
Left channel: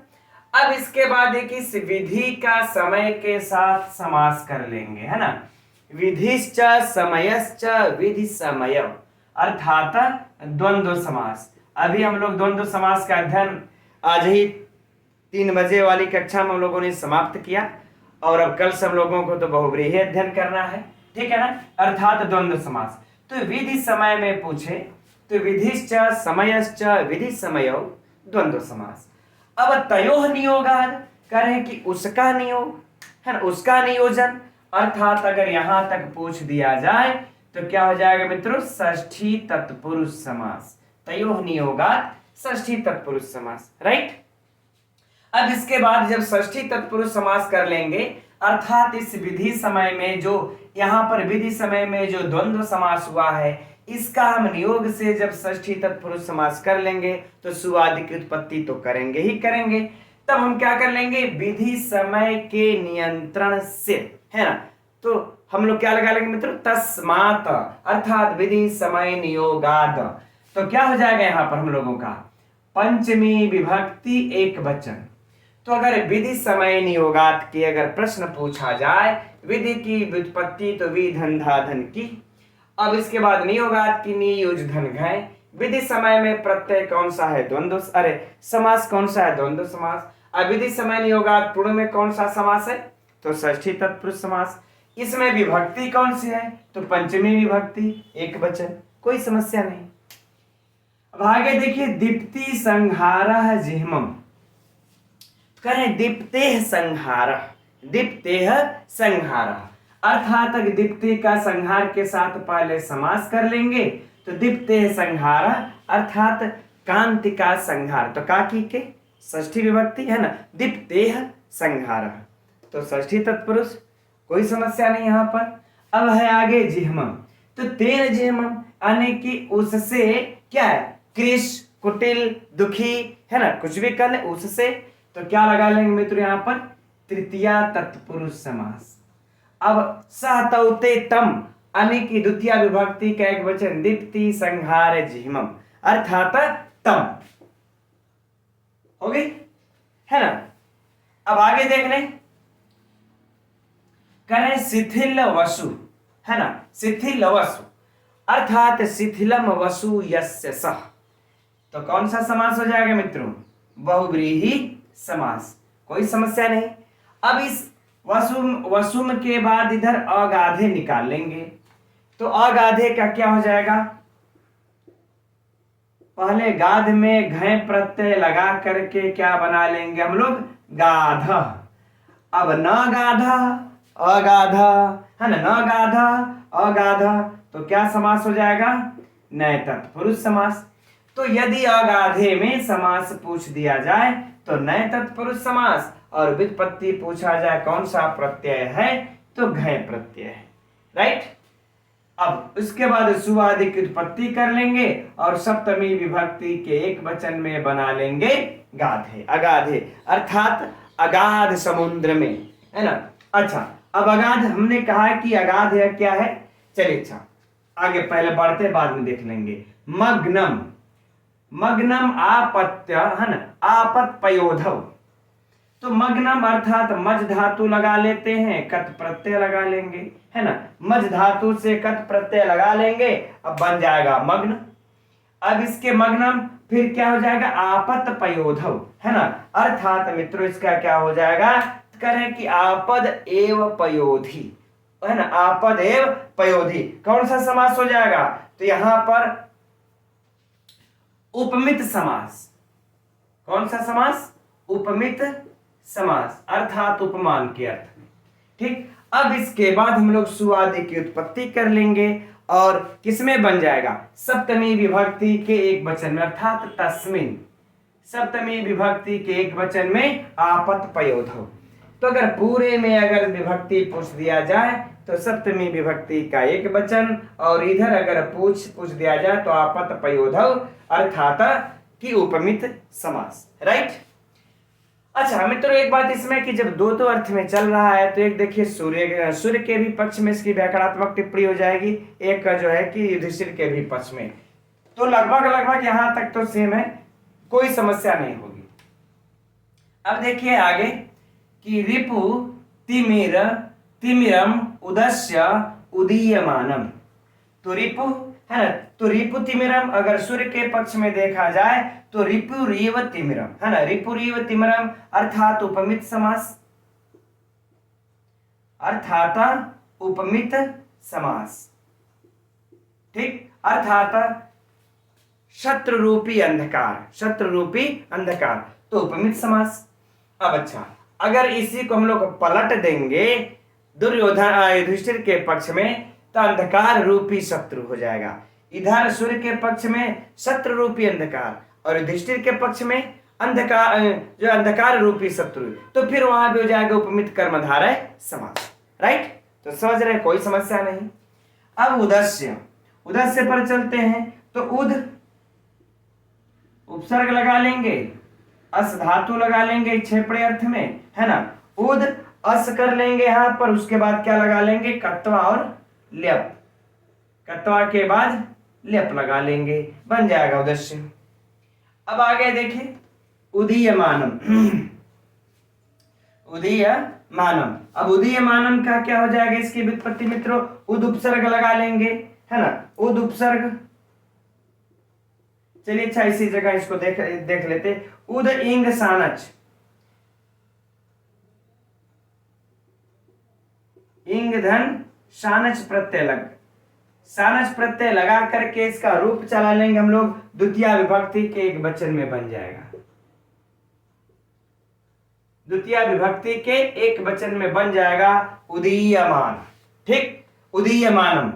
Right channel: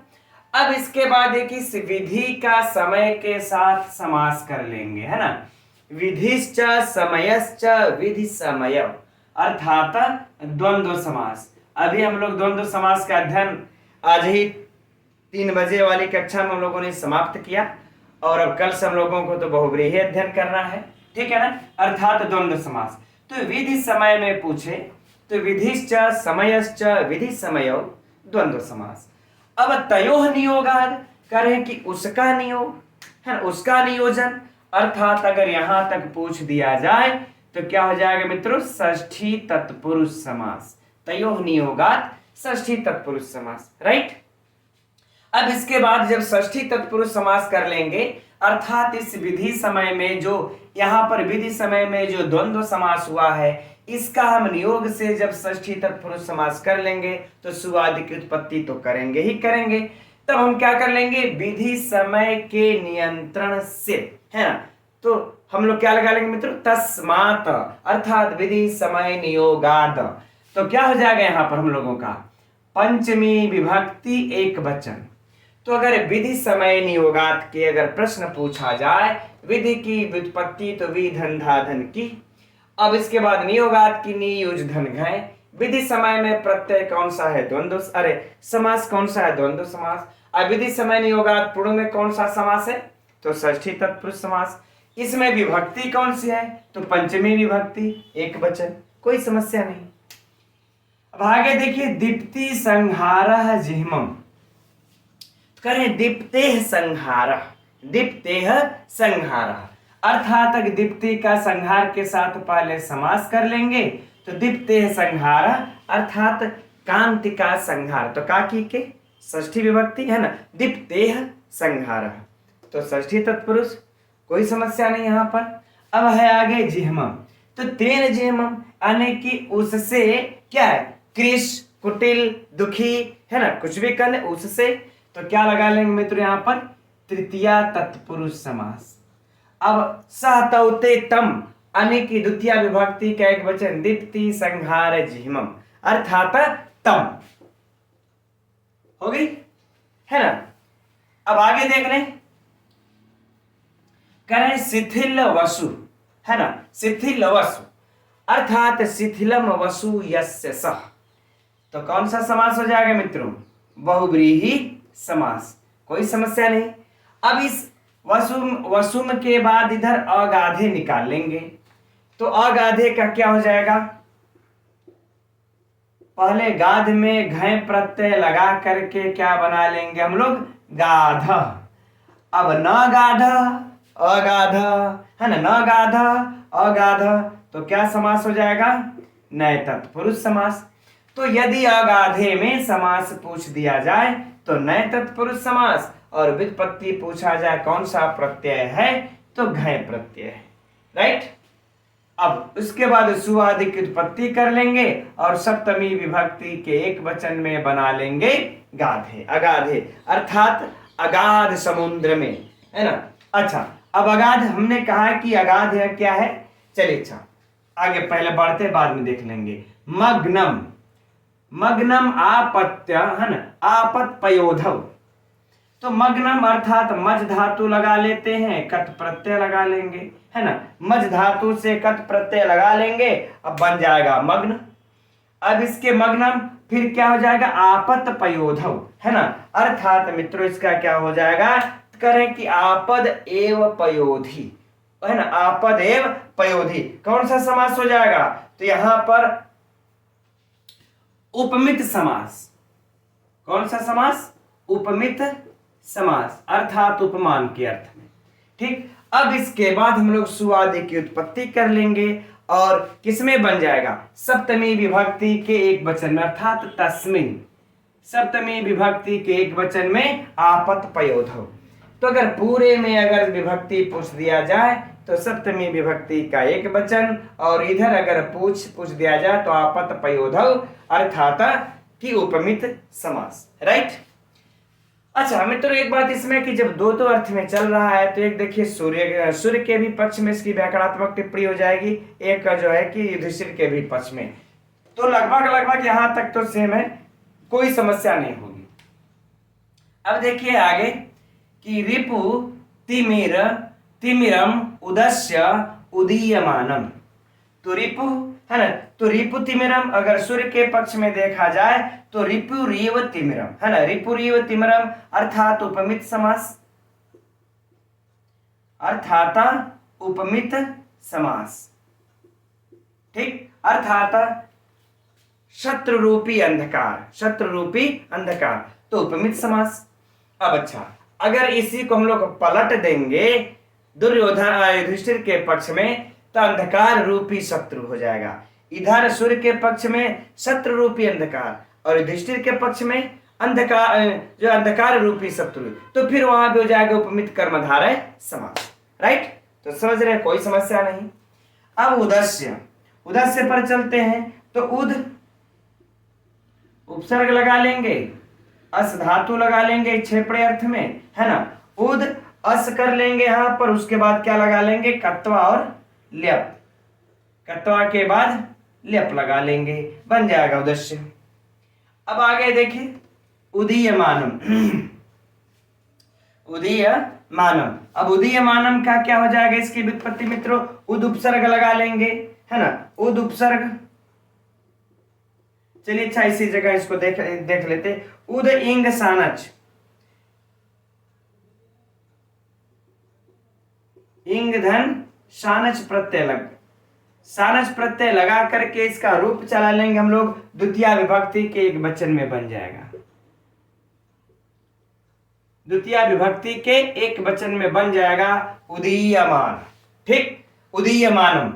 अब इसके बाद एक इस विधि का समय के साथ समास कर लेंगे, है ना। विधिश्च समयश्च विधि समय, अर्थात द्वंद्व समास। अभी हम लोग द्वंद्व समास का अध्ययन आज ही 3 बजे वाली कक्षा में हम लोगों ने समाप्त किया, और अब कल से हम लोगों को तो बहुब्रीहि अध्ययन करना है, ठीक है ना, अर्थात द्वंद्व समास। तो विधि समय में पूछे तो विधिश्च समयश्च विधि समय द्वंद्व समास। अब तयोः नियोगाद कर है कि उसका नियोग है ना, उसका नियोजन, अर्थात अगर यहां तक पूछ दिया जाए तो क्या हो जाएगा मित्रों, षष्ठी तत्पुरुष समास। तयोः नियोगाद षष्ठी तत्पुरुष समास, राइट। अब इसके बाद जब षष्ठी तत्पुरुष समास कर लेंगे, अर्थात इस विधि समय में जो यहां पर विधि समय में जो द्वंद्व समास हुआ है, इसका हम नियोग से जब षष्ठी तत्पुरुष समास कर लेंगे तो सुआदि की उत्पत्ति तो करेंगे ही करेंगे। तब हम क्या कर लेंगे, विधि समय के नियंत्रण से, है ना। तो हम लोग क्या लगा लेंगे मित्रों, तस्मात्, अर्थात विधि समय नियोगाद। तो क्या हो जाएगा यहां पर हम लोगों का, पंचमी विभक्ति एक वचन। तो अगर विधि समय नियोगात के अगर प्रश्न पूछा जाए, विधि की व्युत्पत्ति तो वि धन धा धन की, अब इसके बाद नियोगात की नि युज धन घय, विधि समय में प्रत्यय कौन सा है, द्वंद्व, समास कौन सा है, द्वंद्व समास। अब विधि समय नियोगात पूर्ण में कौन सा समास है, तो षष्ठी तत्पुरुष समास। इसमें विभक्ति कौन सी है? तो पंचमी विभक्ति, एक वचन, कोई समस्या नहीं। अब आगे देखिए, दीप्ति संहारः जिह्मम्। करें दीप्तेः संहारः, दीप्तेः संहारः, अर्थात दीप्ति का संहार के साथ पहले समास कर लेंगे तो दीप्तेः संहारः अर्थात कांति का संहार, तो काकी के षष्ठी विभक्ति है ना, दीप्तेः संहारः, तो षष्ठी तत्पुरुष, कोई समस्या नहीं यहां पर। अब है आगे जिह्मम्, तो तेन जिह्मम् यानी कि उससे क्या है, कृश, कुटिल, दुखी है ना, कुछ भी कर ले उससे, तो क्या लगा लेंगे मित्र यहां पर, तृतीया तत्पुरुष समास। अब सहतौते तम यानी कि द्वितीय विभक्ति का एक वचन, दीप्ति संहार जिह्मम् अर्थात तम, हो गई है ना। अब आगे देख लें, करें शिथिल वसु है ना, शिथिल वसु अर्थात शिथिलम वसु यस्य सः, तो कौन सा समास हो जाएगा मित्रों, बहुव्रीहि समास, कोई समस्या नहीं। अब इस वसुम के बाद इधर अगाधे निकाल लेंगे, तो अगाधे का क्या हो जाएगा, पहले गाध में घय प्रत्यय लगा करके क्या बना लेंगे हम लोग, गाध। अब न गाध अगाध है ना, न गाध अगाध, तो क्या समास हो जाएगा, नए तत्पुरुष समास। तो यदि अगाधे में समास पूछ दिया जाए तो नए तत्पुरुष समास, और व्युत्पत्ति पूछा जाए कौन सा प्रत्यय है, तो घय प्रत्यय है, राइट। अब उसके बाद सुआदि की उत्पत्ति कर लेंगे और सप्तमी विभक्ति के एक वचन में बना लेंगे गाधे, अगाधे अर्थात अगाध समुद्र में, है ना। अच्छा, अब अगाध हमने कहा कि अगाध है क्या है, चलिए अच्छा आगे पहले बढ़ते बाद में देख लेंगे। मग्नम, मग्नम आपत्य है ना, आपत पयोधव, तो मग्नम अर्थात मज धातु लगा लेते हैं, कत प्रत्यय लगा लेंगे, है ना, मज धातु से कत प्रत्यय लगा लेंगे, अब बन जाएगा मग्न। अब इसके मग्नम फिर क्या हो जाएगा, आपत पयोधव, है ना, अर्थात मित्रों इसका क्या हो जाएगा, करें कि आपद एव पयोधि, है ना, आपद एव पयोधि, कौन सा समास हो जाएगा, तो यहां पर उपमित समास, कौन सा समास, उपमित समास अर्थात उपमान के अर्थ में, ठीक। अब इसके बाद हम लोग सुआदि की उत्पत्ति कर लेंगे और किसमें बन जाएगा, सप्तमी विभक्ति के एक वचन में अर्थात तस्मिन, सप्तमी विभक्ति के एक वचन में आपत पयोधव। तो अगर पूरे में अगर विभक्ति पूछ दिया जाए तो सप्तमी विभक्ति का एक वचन, और इधर अगर पूछ दिया जाए तो आपत पयोधव अर्थात कि उपमित समास, राइट। अच्छा मित्रों, एक बात इसमें कि जब दो अर्थ में चल रहा है तो एक देखिए सूर्य के भी पक्ष में इसकी व्याकरणात्मक टिप्पणी हो जाएगी, एक का जो है कि युधिष्ठिर के भी पक्ष में, तो लगभग यहां तक तो सेम है, कोई समस्या नहीं होगी। अब देखिए आगे कि रिपु तिमिर तिमिरम उदस्य उदीयमानम, तो रिपु है ना, तो रिपु तिमिरम अगर सूर्य के पक्ष में देखा जाए तो रिपु रीव तिमिरम, है ना, रिपु रीव तिमिरम अर्थात उपमित समास, अर्थात उपमित समास, ठीक, अर्थात शत्रु रूपी अंधकार, शत्रु रूपी अंधकार, तो उपमित समास। अब अच्छा, अगर इसी को हम लोग पलट देंगे दुर्योधन युधिष्ठिर के पक्ष में तो अंधकार रूपी शत्रु हो जाएगा, इधर सूर्य के पक्ष में शत्रु रूपी अंधकार और युधिष्ठिर के पक्ष में अंधकार, जो अंधकार रूपी शत्रु, तो फिर वहां भी हो जाएगा उपमित कर्मधारय समास, राइट। तो समझ रहे, कोई समस्या नहीं। अब उदस्य, उदस्य पर चलते हैं, तो उद उपसर्ग लगा लेंगे, अस धातु लगा लेंगे क्षेपणे अर्थ में, है ना, उद अस कर लेंगे यहां पर, उसके बाद क्या लगा लेंगे, कत्वा और ल्यप, कत्वा के बाद ल्यप लगा लेंगे, बन जाएगा उदस्य। अब आगे देखें, उदीयमानम, उदीयमानम, अब उदीयमानम का क्या हो जाएगा, इसकी व्युत्पत्ति मित्रों, उद उपसर्ग लगा लेंगे, है ना, उद उपसर्ग, चलिए अच्छा इसी जगह इसको देख लेते, उद इंग सानच, इंगधन सानच प्रत्यय लगा करके इसका रूप चला लेंगे हम लोग, द्वितीय विभक्ति के एक वचन में बन जाएगा। द्वितीय विभक्ति के एक वचन में बन जाएगा उदीयमान। ठीक, उदीयमानम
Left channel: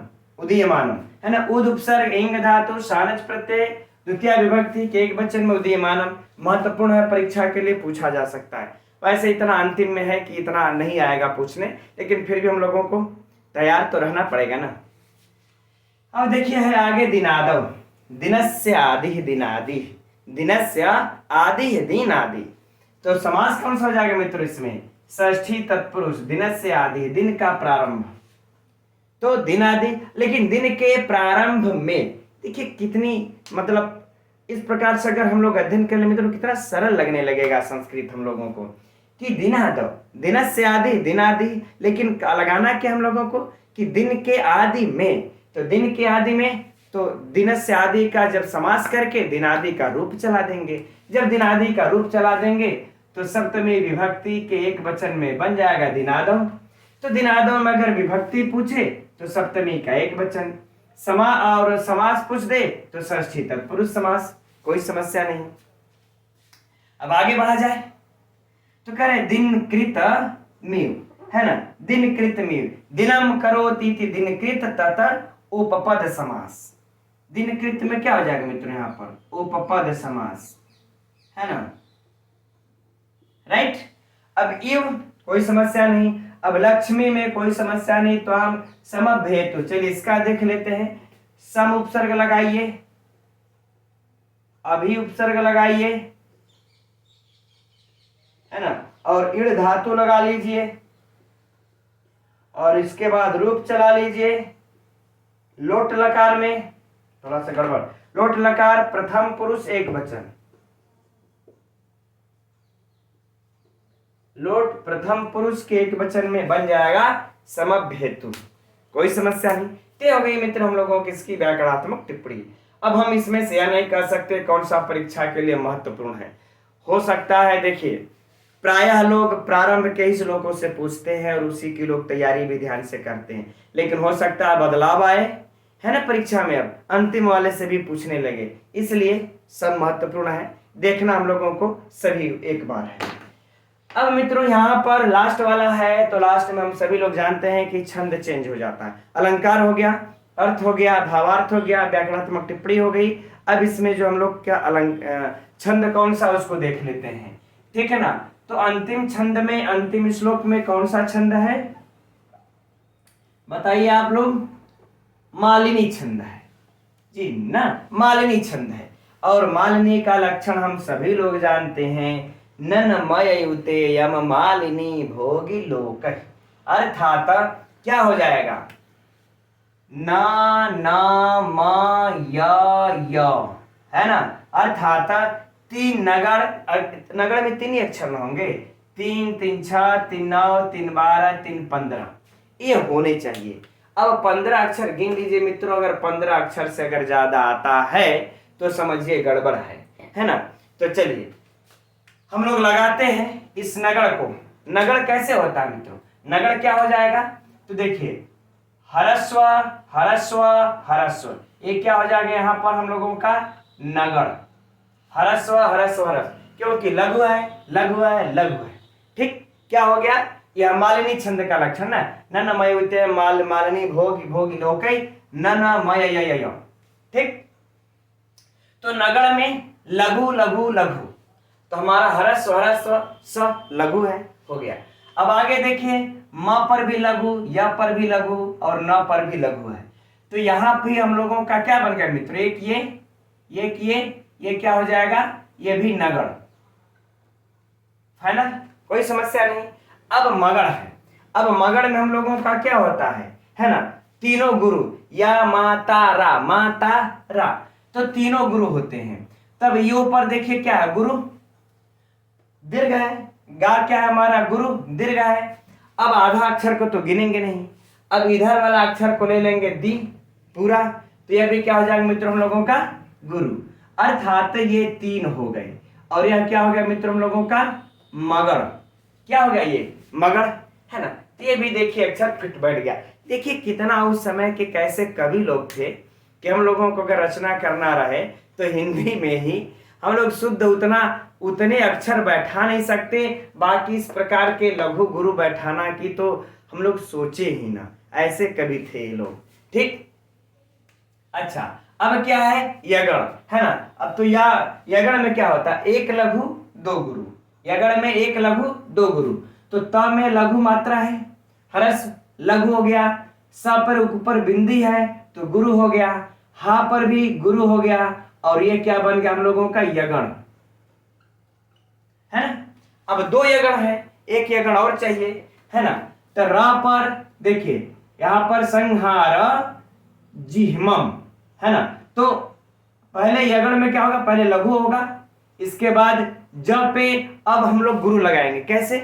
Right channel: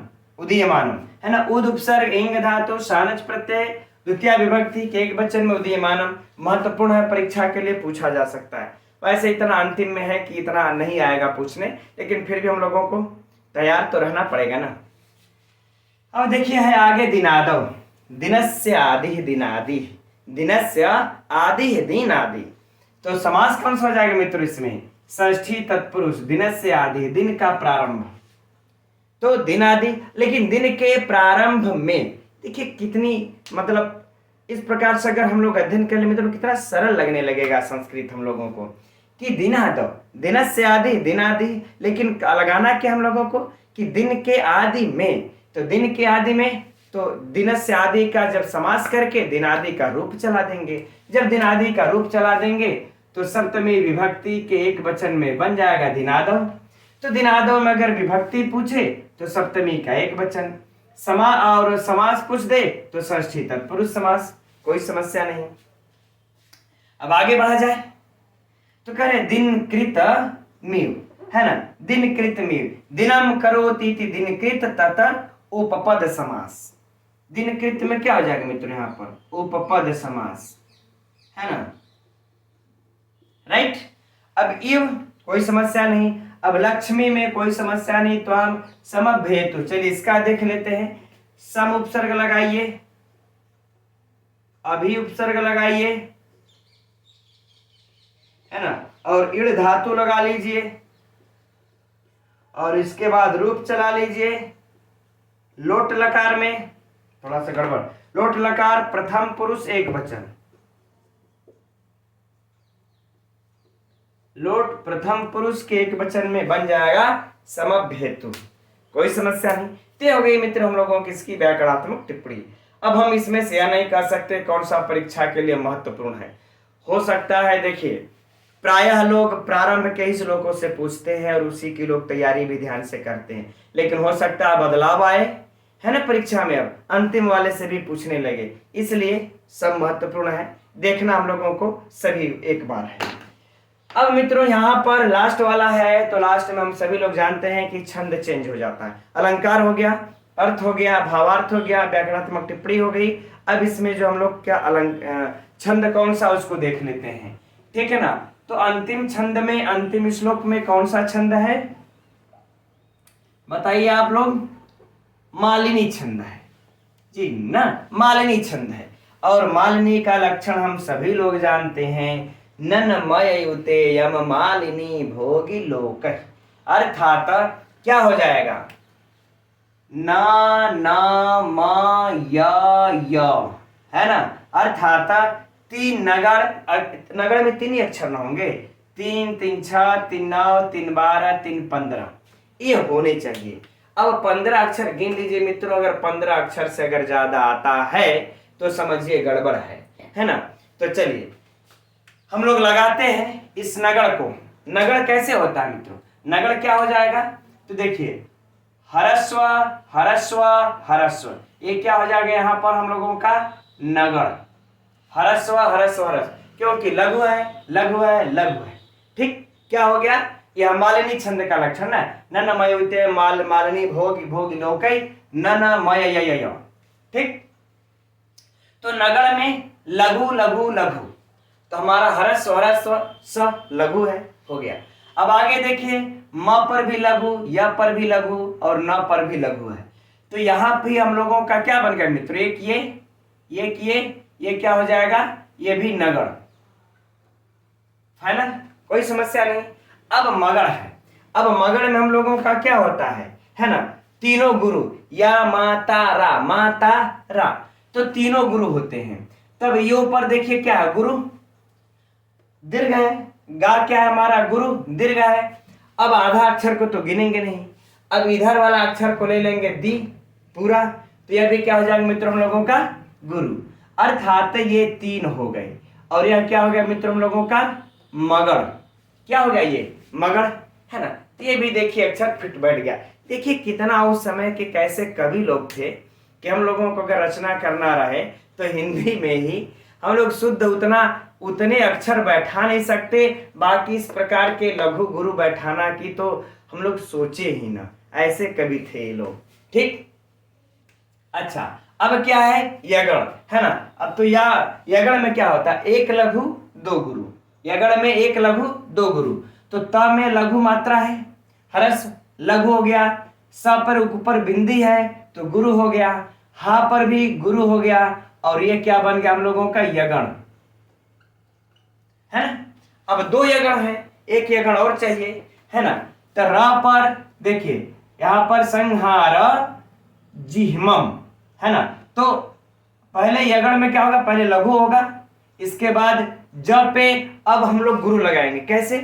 है ना। उद उपसर्ग इंग धातु सानच प्रत्यय द्वितीय विभक्ति के एक वचन में उदीयमानम। महत्वपूर्ण है, परीक्षा के लिए पूछा जा सकता है। वैसे इतना अंतिम में है कि इतना नहीं आएगा पूछने, लेकिन फिर भी हम लोगों को तैयार तो रहना पड़ेगा ना। अब देखिए है आगे दिनादव, दिनस्य आदि दिनादि, दिनस्य आदि दिनादि। तो समास कौन सा हो जाएगा मित्रों इसमें? षष्ठी तत्पुरुष, दिनस्य आदि दिन का प्रारंभ। तो दिनादि, लेकिन दिन के प्रारंभ में देखिए कितनी मतलब इस प्रकार से अगर हम लोग अध्ययन कर ले मित्रों कितना सरल लगने लगेगा संस्कृत हम लोगों को कि दिनादव, दिनस्य आदि दिनादि, लेकिन लगाना क्या हम लोगों को कि दिन के आदि में। तो दिन के आदि में तो दिनस्य आदि का जब समास करके दिनादि का रूप चला देंगे। जब दिनादि का रूप चला देंगे तो सप्तमी विभक्ति के एक वचन में बन जाएगा दिनादव। तो दिनादव में अगर विभक्ति पूछे तो सप्तमी का एक वचन, और समास पूछ दे तो षष्ठी तत्पुरुष समास, कोई समस्या नहीं। अब आगे बढ़ा जाए तो करें दिन कृत मीव, है ना। दिन कृत मीव, दिनम करोति दिन कृत तत उपपद समास। दिन कृत में क्या हो जाएगा मित्रों? यहां पर उपपद समास, है ना, राइट। अब इव कोई समस्या नहीं। अब लक्ष्मी में कोई समस्या नहीं, तो हम समभेतु, चलिए इसका देख लेते हैं। सम उपसर्ग लगाइए, अभी उपसर्ग लगाइए, है ना, और इड़ धातु लगा लीजिए और इसके बाद रूप चला लीजिए। लोट लकार में थोड़ा सा गड़बड़, लोट लकार प्रथम पुरुष एक वचन, लोट प्रथम पुरुष के एक वचन में बन जाएगा समभेतु, कोई समस्या नहीं। तो हो गई मित्र हम लोगों की इसकी व्याकरणात्मक टिप्पणी। अब हम इसमें से यह नहीं कह सकते कौन सा परीक्षा के लिए महत्वपूर्ण है। हो सकता है देखिए प्रायः लोग प्रारंभ के ही श्लोकों से पूछते हैं और उसी की लोग तैयारी भी ध्यान से करते हैं, लेकिन हो सकता है बदलाव आए, है ना, परीक्षा में अब अंतिम वाले से भी पूछने लगे, इसलिए सब महत्वपूर्ण है, देखना हम लोगों को सभी एक बार है। अब मित्रों यहाँ पर लास्ट वाला है, तो लास्ट में हम सभी लोग जानते हैं कि छंद चेंज हो जाता है। अलंकार हो गया, अर्थ हो गया, भावार्थ हो गया, व्याकरणात्मक टिप्पणी हो गई। अब इसमें जो हम लोग क्या छंद कौन सा उसको देख लेते हैं, ठीक है ना। तो अंतिम छंद में, अंतिम श्लोक में कौन सा छंद है बताइए आप लोग? मालिनी छंद है जी ना, मालिनी छंद है। और मालिनी का लक्षण हम सभी लोग जानते हैं, ननमयुते यम मालिनी भोगी लोक, अर्थात क्या हो जाएगा? ना ना मा या, है ना, अर्थात तीन नगर में तीन ही अक्षर ना होंगे, 3 3 6 3 9 3 12 3 15 ये होने चाहिए। अब 15 अक्षर गिन लीजिए मित्रों, अगर 15 अक्षर से अगर ज्यादा आता है तो समझिए गड़बड़ है ना। तो चलिए हम लोग लगाते हैं इस नगड़ को। नगड़ कैसे होता है मित्रों? नगड़ क्या हो जाएगा? तो देखिए हरस्व हरस्व हरस्व, ये क्या हो जाएगा यहाँ पर हम लोगों का? नगड़, हरस्व हरस्व हरस्व, क्योंकि लघु है लघु है लघु है। ठीक, क्या हो गया? यह मालिनी छंद का लक्षण है। न मयुते मालिनी भोगी भोगी लोकै न मय। ठीक, तो नगड़ में लघु लघु लघु, तो हमारा हरस्व हरस्व स लघु है, हो गया। अब आगे देखिए म पर भी लघु, य पर भी लघु और न पर भी लघु है। तो यहाँ भी हम लोगों का क्या बन गया मित्र? एक ये क्या हो जाएगा? ये भी नगड़, है ना, कोई समस्या नहीं। अब मगड़ है। अब मगड़ में हम लोगों का क्या होता है ना, तीनों गुरु, या माता रा, तो तीनों गुरु होते हैं। तब यो पर देखिए क्या है? गुरु दीर्घ है, गा क्या है हमारा? गुरु दीर्घ है। अब आधा अक्षर को तो गिनेंगे नहीं, अब इधर वाला अक्षर को ले लेंगे दी पूरा, तो यह भी क्या हो जाएगा मित्रों हम लोगों का? गुरु, अर्थात ये 3 हो गए। और यह क्या हो गया मित्रों हम लोगों का? मगड़। क्या हो गया? ये मगड़, है ना। तो ये भी देखिए अक्षर फिट बैठ गया। देखिए कितना उस समय के कैसे कवि लोग थे कि हम लोगों को अगर रचना करना रहे तो हिंदी में ही हम लोग शुद्ध उतने अक्षर बैठा नहीं सकते, बाकी इस प्रकार के लघु गुरु बैठाना की तो हम लोग सोचे ही ना, ऐसे कवि थे ये लोग। ठीक, अच्छा अब क्या है यगण, है ना। अब तो यगण में क्या होता है, एक लघु दो गुरु, यगण में एक लघु दो गुरु। तो त में लघु मात्रा है, हरस लघु हो गया, स पर ऊपर बिंदी है तो गुरु हो गया, हा पर भी गुरु हो गया, और ये क्या बन गया हम लोगों का यगण, है ना। अब दो यगण है, एक यगण और चाहिए, है ना। तो र पर देखिए यहां पर संहार जिह्मम, है ना। तो पहले यगण में क्या होगा, पहले लघु होगा, इसके बाद ज पे अब हम लोग गुरु लगाएंगे। कैसे,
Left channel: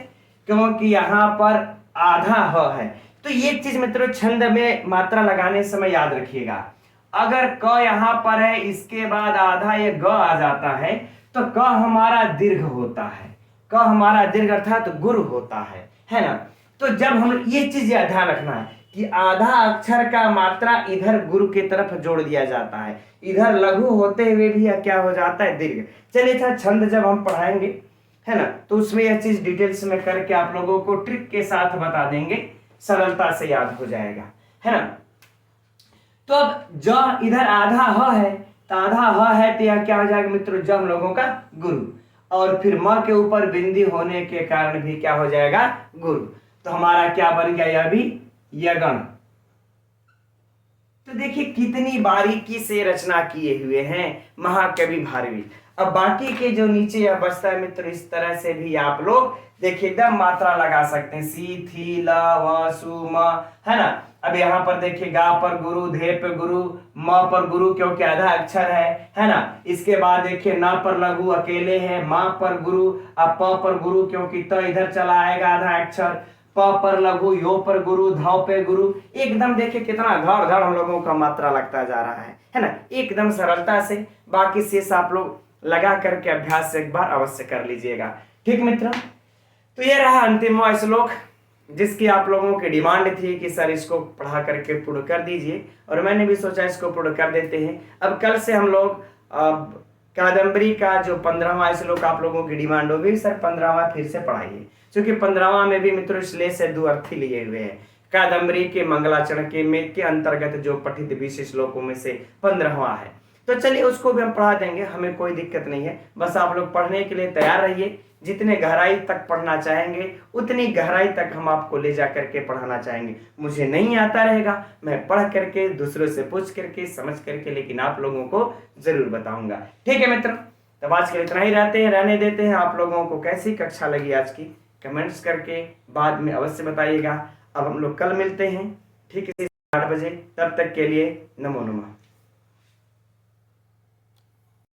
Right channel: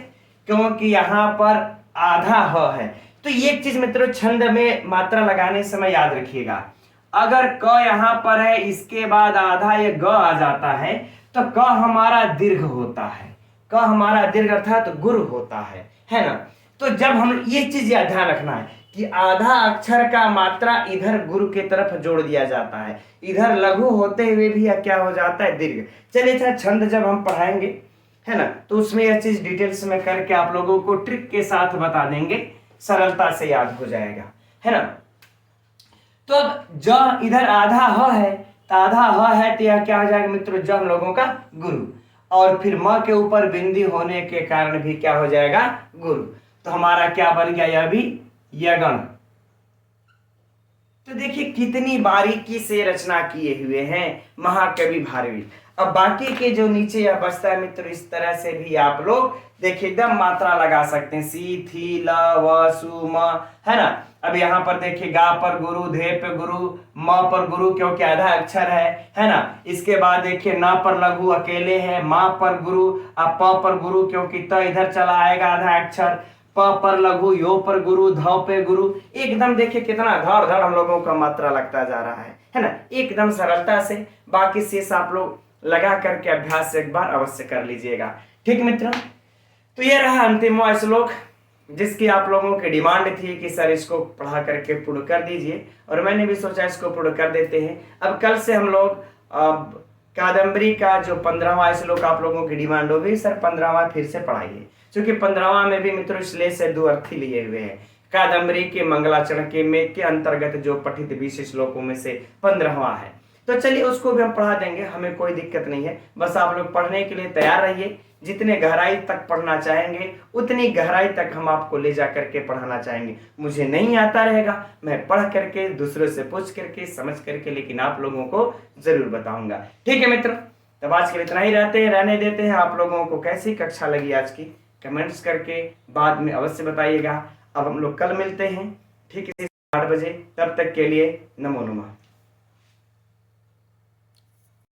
क्योंकि यहां पर आधा ह है। तो ये चीज मित्रों छंद में मात्रा लगाने समय याद रखिएगा, अगर क यहां पर है इसके बाद आधा ये ग आ जाता है तो क हमारा दीर्घ होता है, क हमारा दीर्घ अर्थात गुरु होता है ना। तो जब हम ये चीज ध्यान रखना है कि आधा अक्षर का मात्रा इधर गुरु की तरफ जोड़ दिया जाता है, इधर लघु होते हुए भी क्या हो जाता है दीर्घ। चलिए अच्छा, छंद जब हम पढ़ाएंगे, है ना, तो उसमें यह चीज डिटेल्स में करके आप लोगों को ट्रिक के साथ बता देंगे, सरलता से याद हो जाएगा, है ना। तो अब ज इधर आधा ह है, तो आधा ह है तो यह क्या हो जाएगा मित्रों, ज हम लोगों का गुरु, और फिर म के ऊपर बिंदी होने के कारण भी क्या हो जाएगा गुरु। तो हमारा क्या बन गया, यह भी यगण। तो देखिए कितनी बारीकी से रचना किए हुए हैं महाकवि भारवी। अब बाकी के जो नीचे यह बचता है मित्रों, इस तरह से भी आप लोग देखिए एकदम मात्रा लगा सकते हैं, सी थी ल व सु म, है ना। अब यहाँ पर देखिए गा पर गुरु, धे पे गुरु, म पर गुरु क्योंकि आधा अक्षर है ना। इसके बाद देखिए न पर लघु अकेले है, मा पर गुरु, अब प पर गुरु क्योंकि त इधर चला आएगा आधा अक्षर, प पर लघु, यो पर गुरु, ध पे गुरु। एकदम देखिए कितना धड़ धड़ हम लोगों का मात्रा लगता जा रहा है ना, एकदम सरलता से। बाकी शेष आप लोग लगा करके अभ्यास एक बार अवश्य कर लीजिएगा। ठीक मित्रों, तो ये रहा अंतिम श्लोक जिसकी आप लोगों की डिमांड थी कि सर इसको पढ़ा करके पूर्ण कर दीजिए, और मैंने भी सोचा इसको पूर्ण कर देते हैं। अब कल से हम लोग कादम्बरी का जो 15वां श्लोक आप लोगों की डिमांड होगी, सर 15वां फिर से पढ़ाइए, क्योंकि 15वां में भी मित्रों श्लेष से दो अर्थी लिए हुए हैं। कादम्बरी के मंगलाचरण के अंतर्गत जो पठित 20 श्लोकों में से 15वां है, तो चलिए उसको भी हम पढ़ा देंगे, हमें कोई दिक्कत नहीं है। बस आप लोग पढ़ने के लिए तैयार रहिए, जितने गहराई तक पढ़ना चाहेंगे उतनी गहराई तक हम आपको ले जा करके पढ़ाना चाहेंगे। मुझे नहीं आता रहेगा, मैं पढ़ करके दूसरों से पूछ करके समझ करके लेकिन आप लोगों को जरूर बताऊंगा। ठीक है मित्र, तब आज के लिए इतना ही रहने देते हैं। आप लोगों को कैसी कक्षा लगी आज की कमेंट्स करके बाद में अवश्य बताइएगा। अब हम लोग कल मिलते हैं ठीक है 8 बजे, तब तक के लिए नमो नमः।